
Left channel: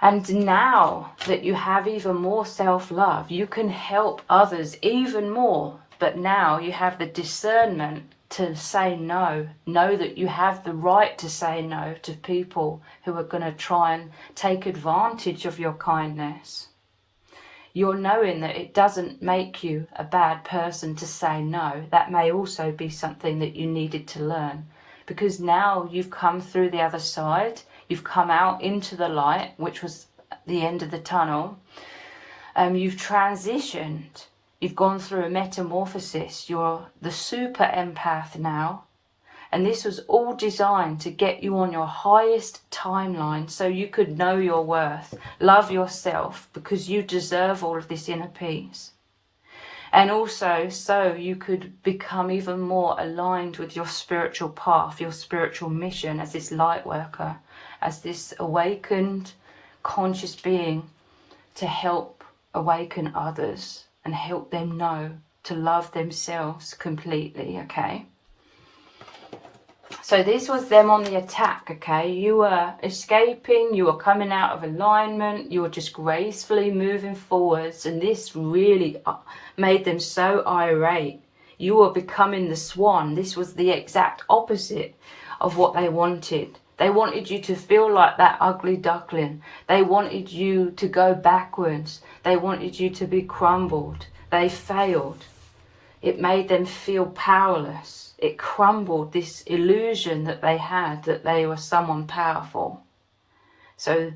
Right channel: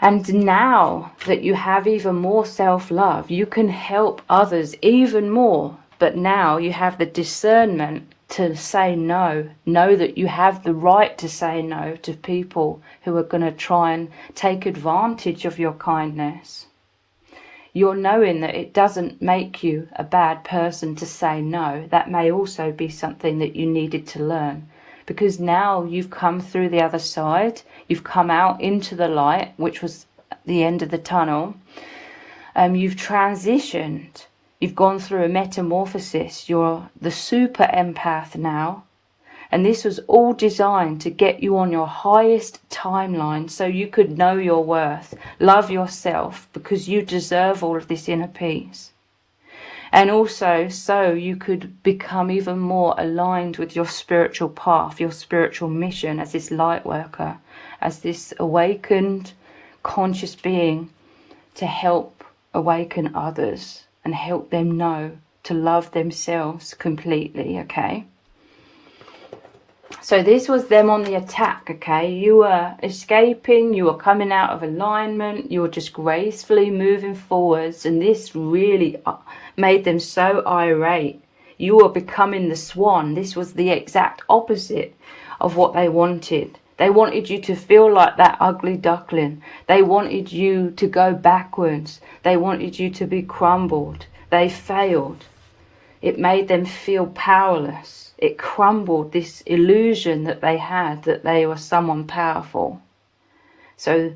And now that you have even more self-love, you can help others even more. But now you have the discernment to say no. Know that you have the right to say no to people who are going to try and take advantage of your kindness. You're knowing that it doesn't make you a bad person to say no. That may also be something that you needed to learn, because now you've come through the other side. You've come out into the light, which was the end of the tunnel. You've transitioned. You've gone through a metamorphosis. You're the super empath now. And this was all designed to get you on your highest timeline so you could know your worth, love yourself, because you deserve all of this inner peace. And also so you could become even more aligned with your spiritual path, your spiritual mission as this light worker, as this awakened conscious being, to help awaken others and help them know to love themselves completely, okay? So this was them on the attack, okay? You were escaping, you were coming out of alignment, you were just gracefully moving forwards, and this really made them so irate. You were becoming the swan. This was the exact opposite of what they wanted. They wanted you to feel like that ugly duckling. They wanted you to go backwards. They wanted you to be crumbled. They failed. It made them feel powerless. It crumbled this illusion that they had, that they were someone powerful. So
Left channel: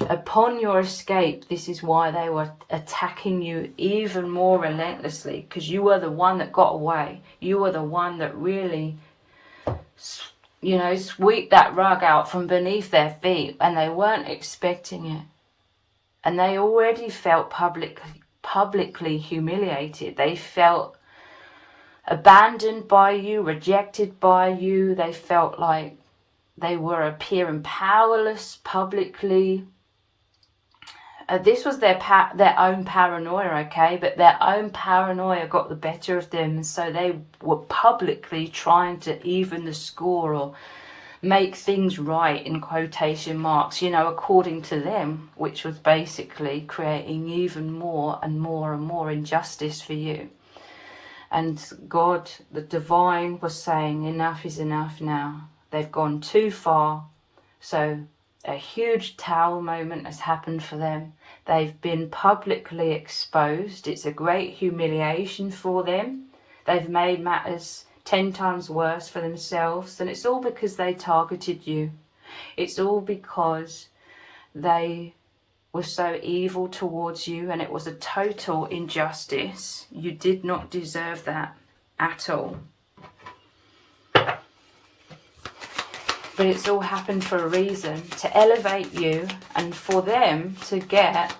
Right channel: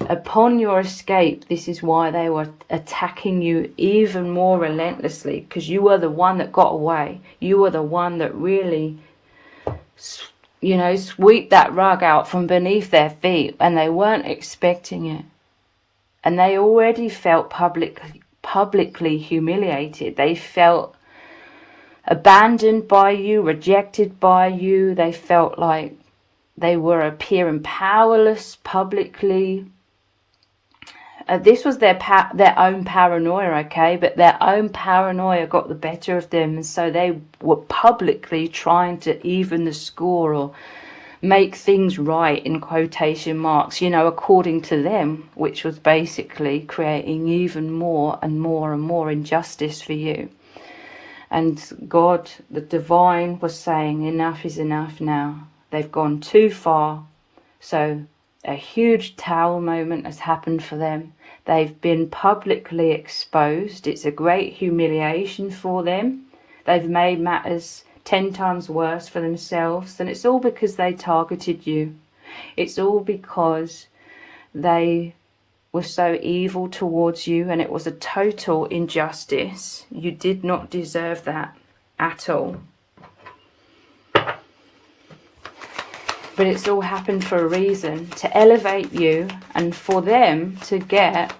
upon your escape, this is why they were attacking you even more relentlessly, because you were the one that got away. You were the one that really, you know, sweep that rug out from beneath their feet, and they weren't expecting it. And they already felt publicly humiliated. They felt abandoned by you, rejected by you. They felt like they were appearing powerless publicly. This was their own paranoia, okay? But their own paranoia got the better of them, and so they were publicly trying to even the score or make things right, in quotation marks, you know, according to them, which was basically creating even more and more and more injustice for you. And God, the divine, was saying enough is enough now. They've gone too far. So a huge towel moment has happened for them. They've been publicly exposed. It's a great humiliation for them. They've made matters 10 times worse for themselves. And it's all because they targeted you. It's all because they were so evil towards you, and it was a total injustice. You did not deserve that at all. But it's all happened for a reason, to elevate you and for them to get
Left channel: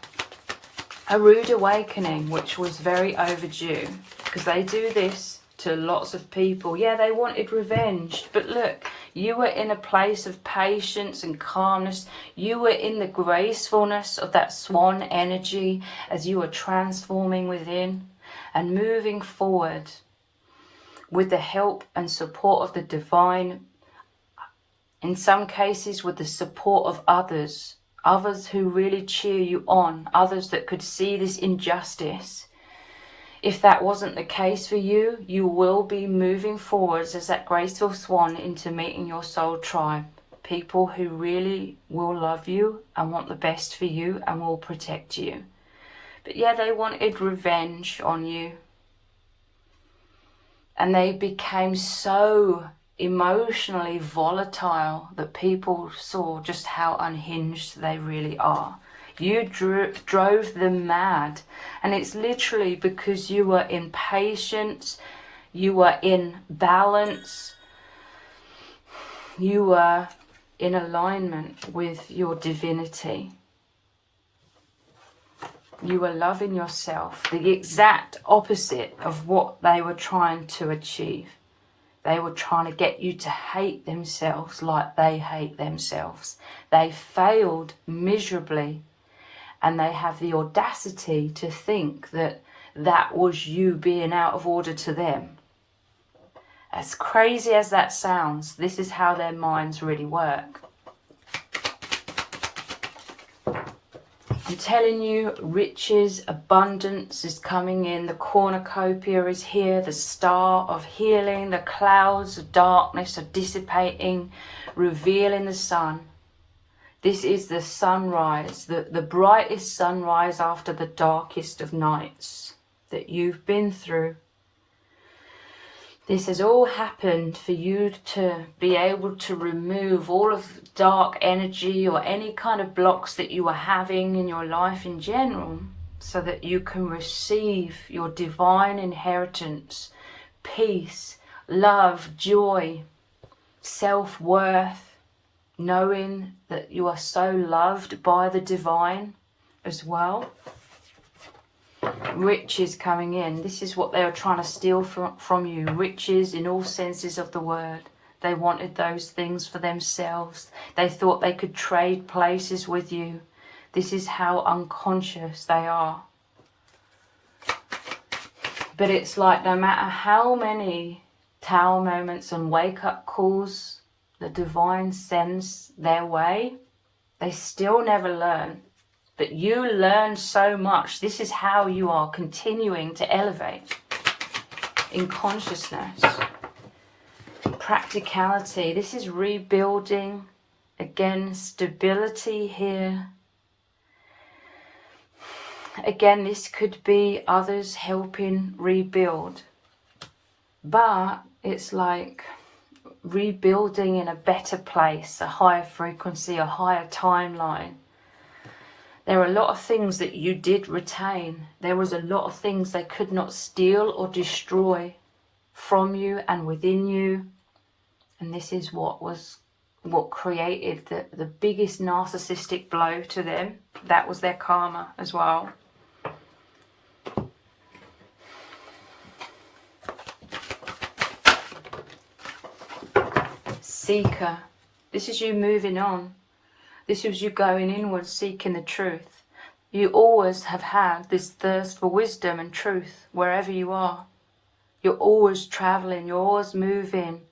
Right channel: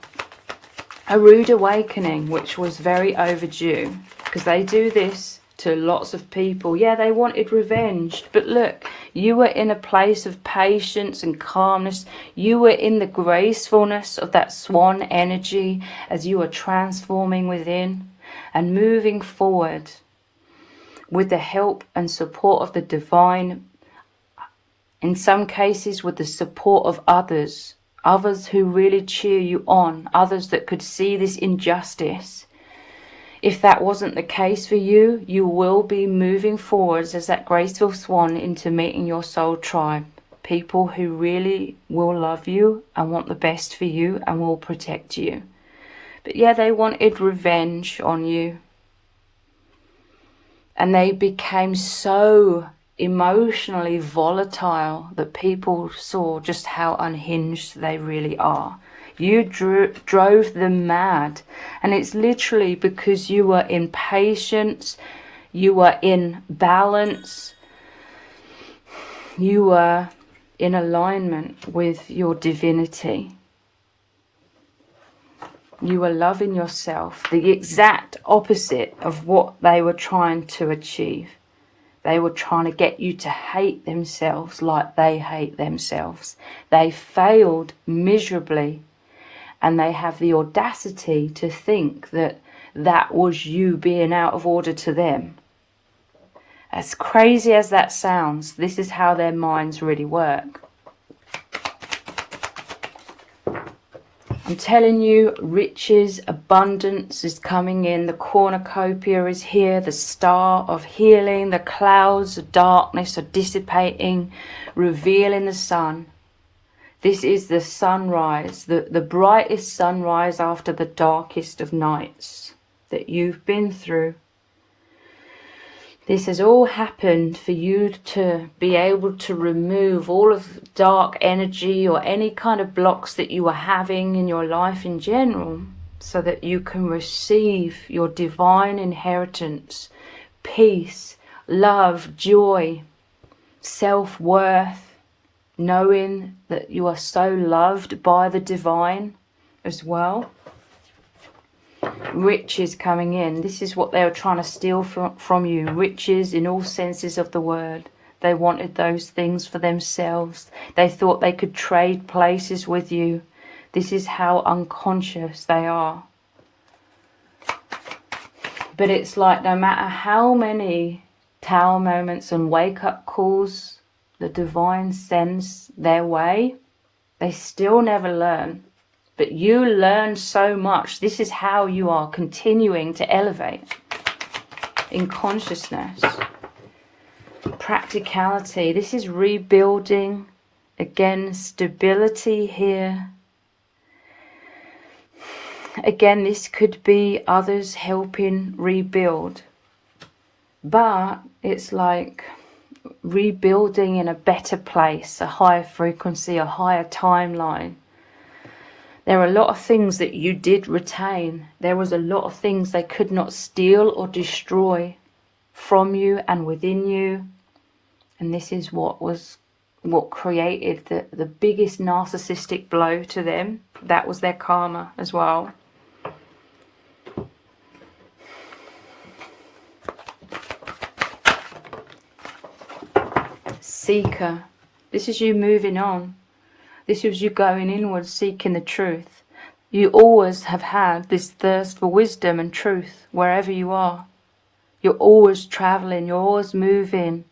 a rude awakening, which was very overdue, because they do this to lots of people. Yeah, they wanted revenge, but look, you were in a place of patience and calmness. You were in the gracefulness of that swan energy as you were transforming within and moving forward with the help and support of the divine, in some cases with the support of others who really cheer you on, others that could see this injustice. If that wasn't the case for you, you will be moving forwards as that graceful swan into meeting your soul tribe. People who really will love you and want the best for you and will protect you. But yeah, they wanted revenge on you. And they became so emotionally volatile that people saw just how unhinged they really are. You drove them mad, and it's literally because you were in patience, you were in balance, you were in alignment with your divinity. You were loving yourself, the exact opposite of what they were trying to achieve. They were trying to get you to hate themselves like they hate themselves. They failed miserably. And they have the audacity to think that that was you being out of order to them. As crazy as that sounds, this is how their minds really work. I'm telling you, riches, abundance is coming in. The cornucopia is here. The star of healing. The clouds of darkness are dissipating, revealing the sun. This is the sunrise, the brightest sunrise after the darkest of nights that you've been through. This has all happened for you to be able to remove all of dark energy or any kind of blocks that you are having in your life in general, so that you can receive your divine inheritance, peace, love, joy, self-worth, knowing that you are so loved by the divine as well. Riches coming in. This is what they were trying to steal from you. Riches in all senses of the word. They wanted those things for themselves. They thought they could trade places with you. This is how unconscious they are. But it's like no matter how many tower moments and wake-up calls the divine sends their way, they still never learn. But you learn so much. This is how you are continuing to elevate in consciousness. Practicality. This is rebuilding. Again, stability here. Again, this could be others helping rebuild. But it's like rebuilding in a better place, a higher frequency, a higher timeline. There are a lot of things that you did retain. There was a lot of things they could not steal or destroy from you and within you. And this is what created the biggest narcissistic blow to them. That was their karma as well. Seeker. This is you moving on. This is you going inward, seeking the truth. You always have had this thirst for wisdom and truth wherever you are. You're always traveling. You're always moving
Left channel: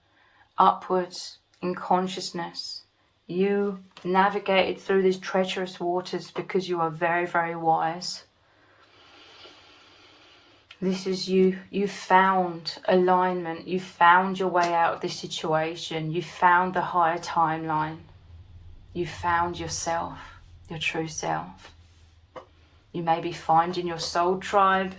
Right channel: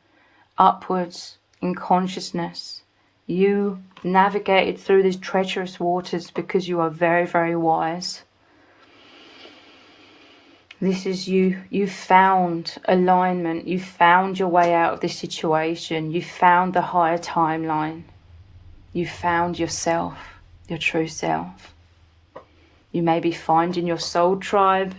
upwards in consciousness. You navigated through these treacherous waters because you are very, very wise. This is you. You found alignment. You found your way out of this situation. You found the higher timeline. You found yourself, your true self. You may be finding your soul tribe.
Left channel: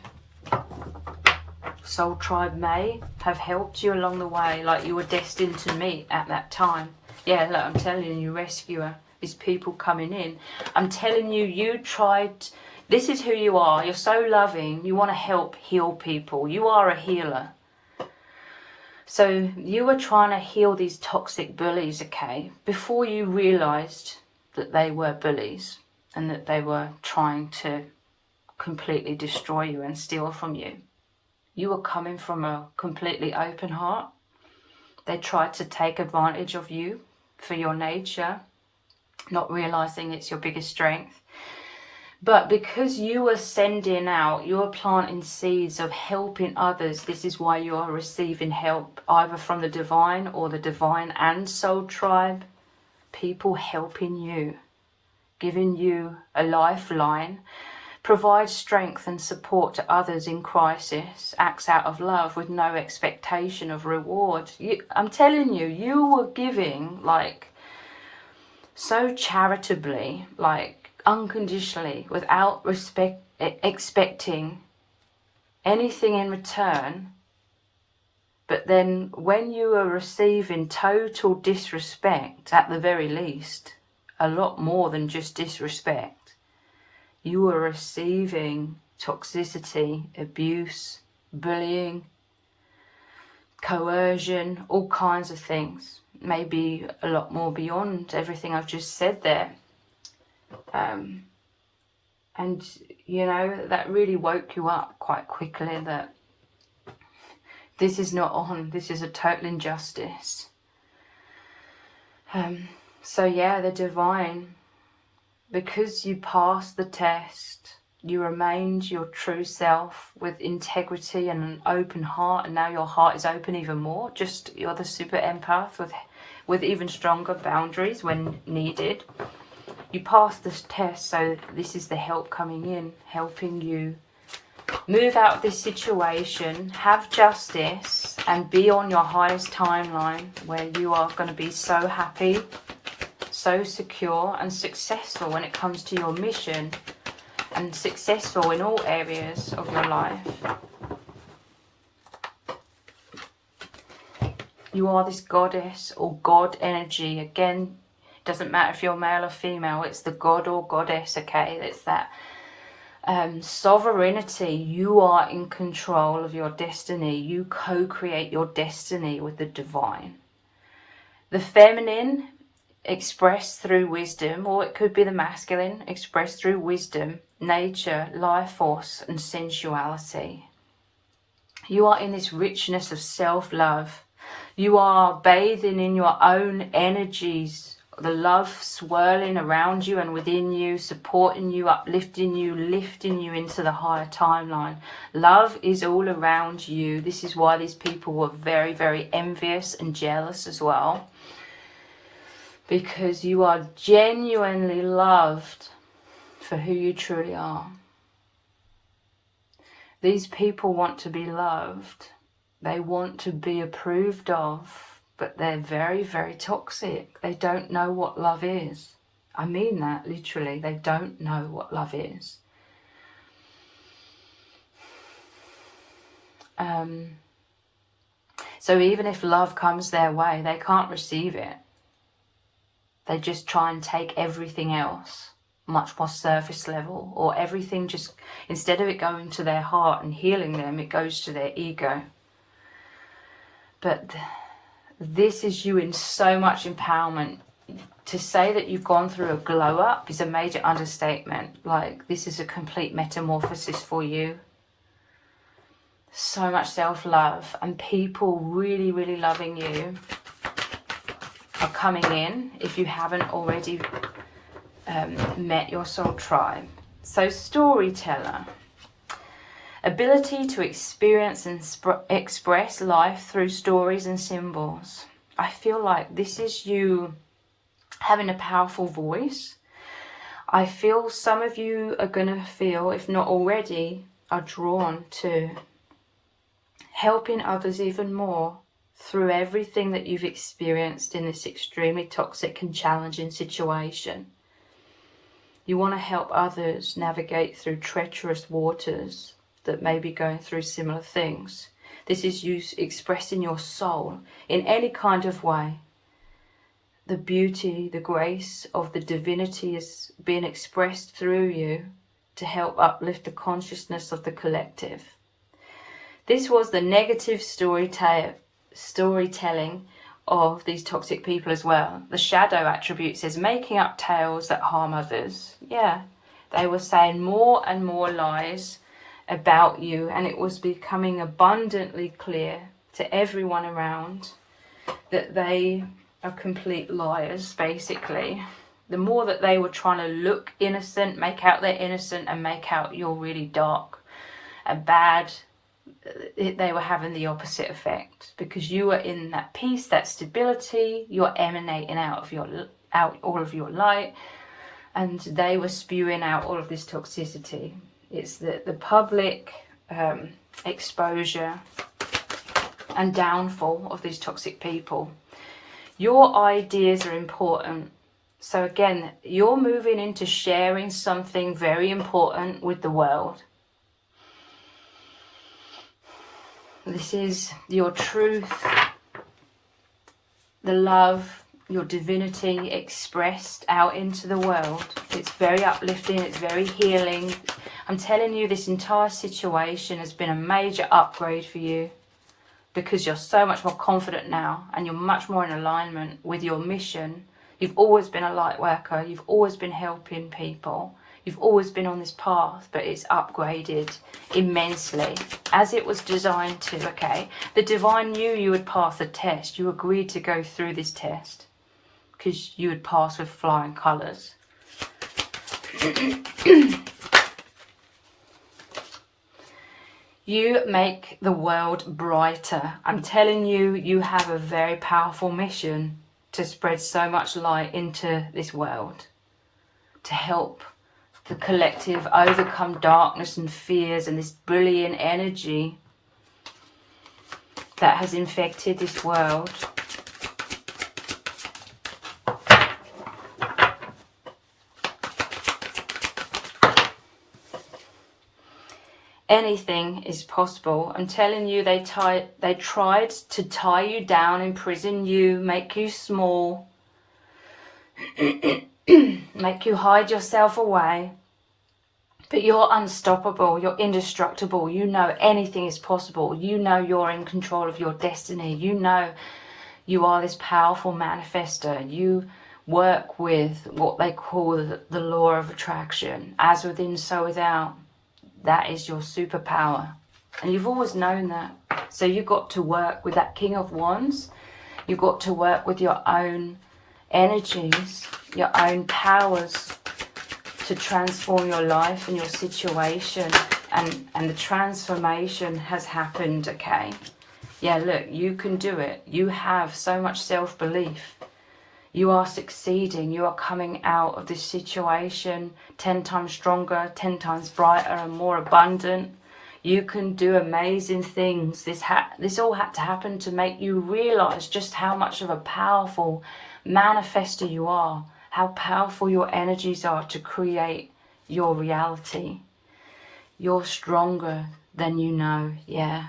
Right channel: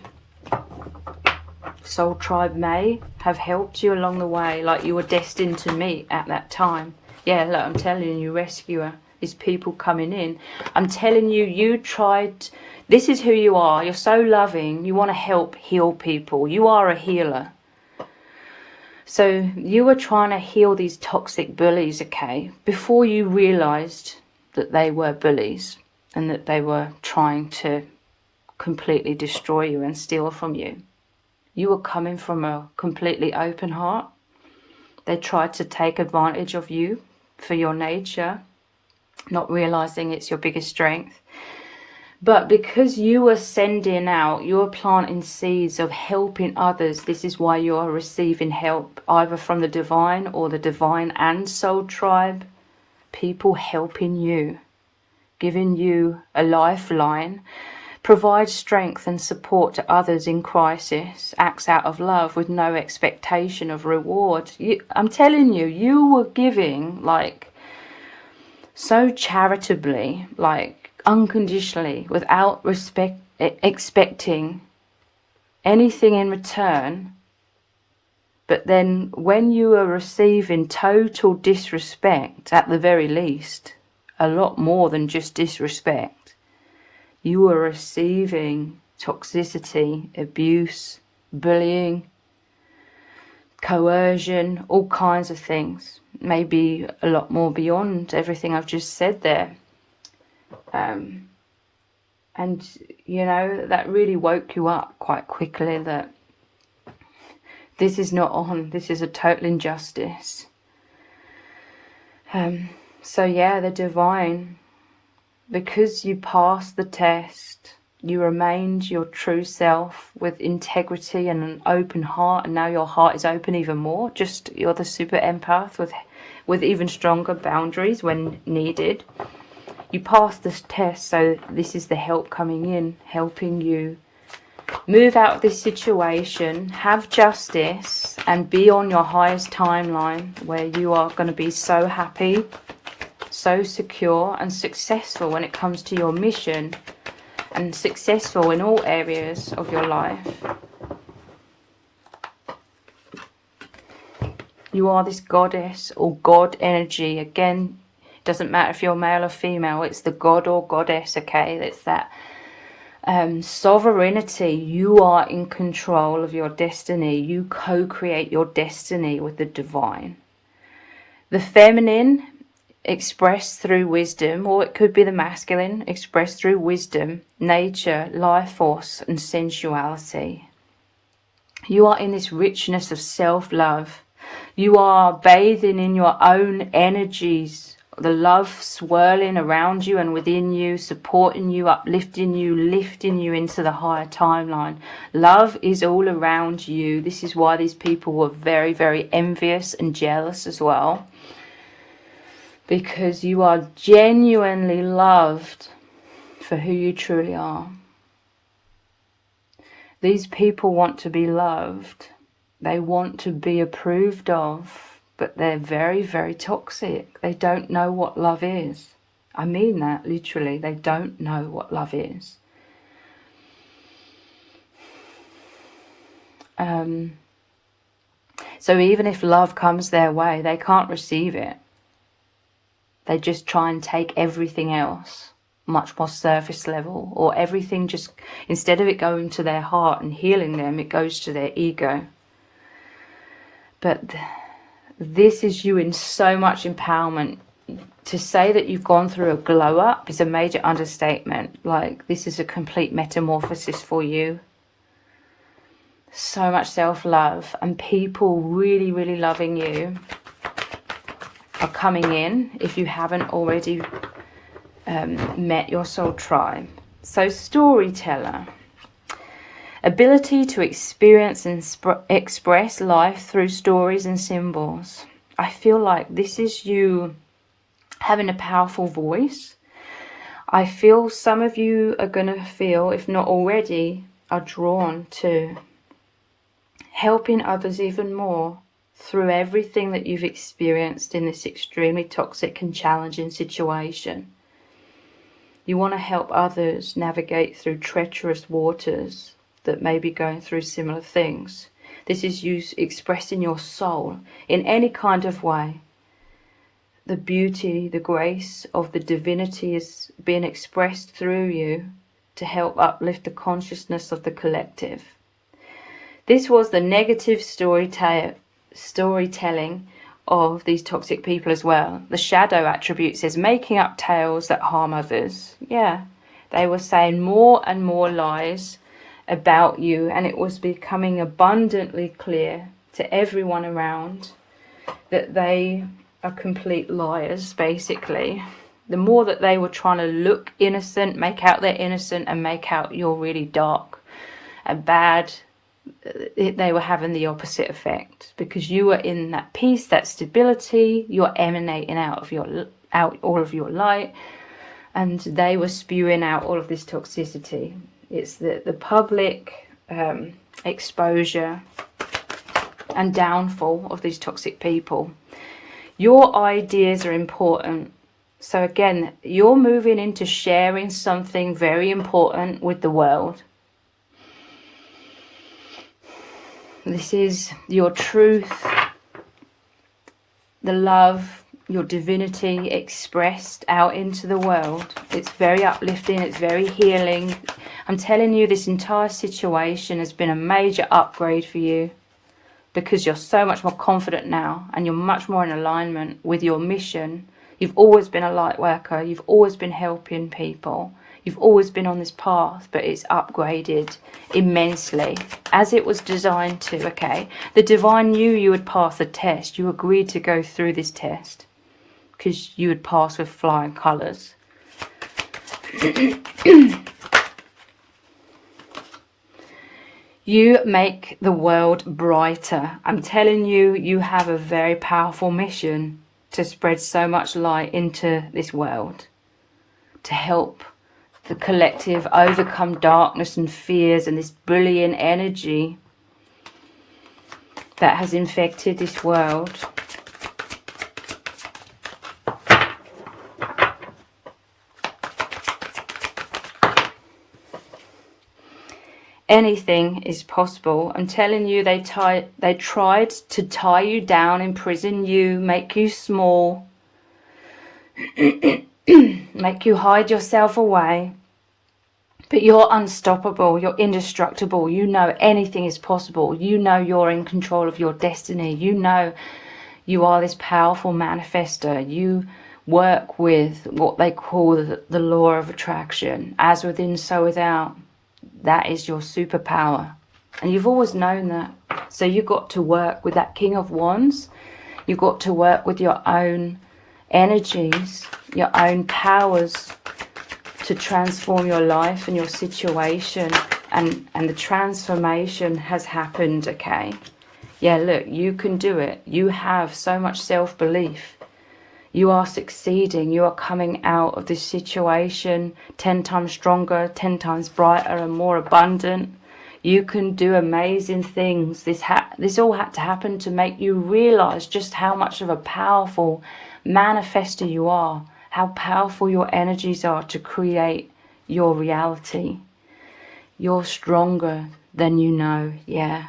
Soul tribe may have helped you along the way, like you were destined to meet at that time. Yeah, look, I'm telling you, rescuer is people coming in. I'm telling you, you tried. This is who you are. You're so loving. You want to help heal people. You are a healer. So you were trying to heal these toxic bullies, okay, before you realised that they were bullies and that they were trying to completely destroy you and steal from you. You were coming from a completely open heart. They tried to take advantage of you for your nature, not realising it's your biggest strength. But because you were sending out, you were planting seeds of helping others. This is why you are receiving help, either from the divine or the divine and soul tribe. People helping you, giving you a lifeline, provide strength and support to others in crisis, acts out of love with no expectation of reward. I'm telling you, you were giving like so charitably, like unconditionally, without expecting anything in return. But then when you are receiving total disrespect, at the very least, a lot more than just disrespect, you are receiving toxicity, abuse, bullying, coercion, all kinds of things. Maybe a lot more beyond everything I've just said there. And you know, that really woke you up quite quickly, that this is not on, this is a total injustice. So yeah, the divine, because you passed the test, you remained your true self with integrity and an open heart, and now your heart is open even more. Just, you're the super empath with even stronger boundaries when needed. You passed this test, so this is the help coming in, helping you move out of this situation, have justice, and be on your highest timeline where you are going to be so happy, so secure and successful when it comes to your mission, and successful in all areas of your life. You are this goddess or god energy. Again, it doesn't matter if you're male or female, it's the god or goddess, okay? It's that sovereignty. You are in control of your destiny. You co-create your destiny with the divine. The feminine expressed through wisdom, or it could be the masculine expressed through wisdom, nature, life force and sensuality. You are in this richness of self-love. You are bathing in your own energies, the love swirling around you and within you, supporting you, uplifting you, lifting you into the higher timeline. Love is all around you. This is why these people were very, very envious and jealous as well. Because you are genuinely loved for who you truly are. These people want to be loved. They want to be approved of. But they're very, very toxic. They don't know what love is. I mean that, literally. They don't know what love is. So even if love comes their way, they can't receive it. They just try and take everything else, much more surface level, or everything just, instead of it going to their heart and healing them, it goes to their ego. But this is you in so much empowerment. To say that you've gone through a glow up is a major understatement. Like, this is a complete metamorphosis for you. So much self-love, and people really, really loving you are coming in if you haven't already met your soul tribe. So, storyteller. Ability to experience and express life through stories and symbols. I feel like this is you having a powerful voice. I feel some of you are going to feel, if not already, are drawn to helping others even more through everything that you've experienced in this extremely toxic and challenging situation. You want to help others navigate through treacherous waters that may be going through similar things. This is you expressing your soul in any kind of way. The beauty, the grace of the divinity is being expressed through you to help uplift the consciousness of the collective. This was the negative storytelling of these toxic people as well. The shadow attribute says making up tales that harm others. Yeah, they were saying more and more lies about you, and it was becoming abundantly clear to everyone around that they are complete liars, basically. The more that they were trying to look innocent, make out they're innocent, and make out you're really dark and bad, they were having the opposite effect, because you were in that peace, that stability, you're emanating out all of your light, and they were spewing out all of this toxicity. It's the public exposure and downfall of these toxic people. Your ideas are important. So again, you're moving into sharing something very important with the world. This is your truth, the love, your divinity expressed out into the world. It's very uplifting, it's very healing. I'm telling you, this entire situation has been a major upgrade for you, because you're so much more confident now, and you're much more in alignment with your mission. You've always been a light worker, you've always been helping people, you've always been on this path, but it's upgraded immensely, as it was designed to, okay? The divine knew you would pass the test. You agreed to go through this test because you would pass with flying colours. You make the world brighter. I'm telling you, you have a very powerful mission to spread so much light into this world. to help the collective overcome darkness and fears and this bullying energy that has infected this world. Anything is possible. I'm telling you, they tried to tie you down, imprison you, make you small, make you hide yourself away. But you're unstoppable, you're indestructible. You know anything is possible. You know you're in control of your destiny. You know you are this powerful manifester. You work with what they call the law of attraction. As within, so without. That is your superpower. And you've always known that. So you've got to work with that King of Wands. You've got to work with your own energies, your own powers to transform your life and your situation. And the transformation has happened, okay? Yeah, look, you can do it. You have so much self-belief. You are succeeding. You are coming out of this situation 10 times stronger, 10 times brighter and more abundant. You can do amazing things. This all had to happen to make you realize just how much of a powerful manifester you are, how powerful your energies are to create your reality. You're stronger than you know, yeah.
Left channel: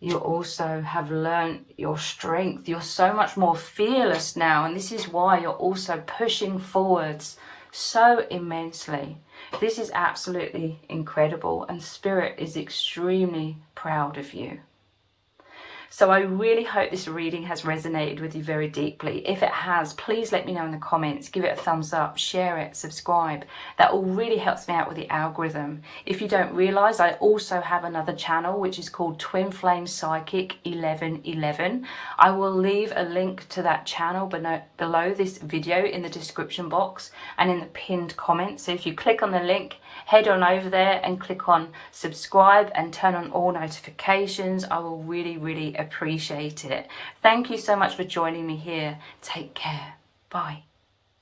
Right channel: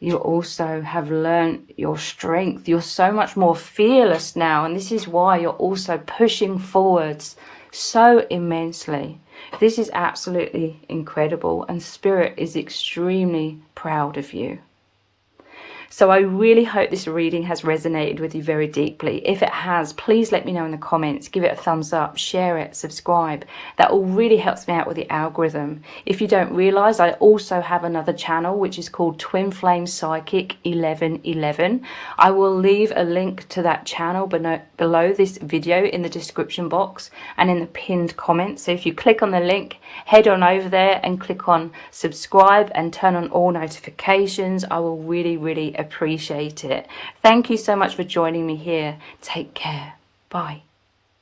You also have learned your strength. You're so much more fearless now. And this is why you're also pushing forwards so immensely. This is absolutely incredible. And Spirit is extremely proud of you. So I really hope this reading has resonated with you very deeply. If it has, please let me know in the comments. Give it a thumbs up, share it, subscribe. That all really helps me out with the algorithm. If you don't realise, I also have another channel which is called Twin Flame Psychic 1111. I will leave a link to that channel below this video in the description box and in the pinned comment. So if you click on the link, head on over there and click on subscribe and turn on all notifications. I will really appreciate it. Thank you so much for joining me here. Take care. Bye.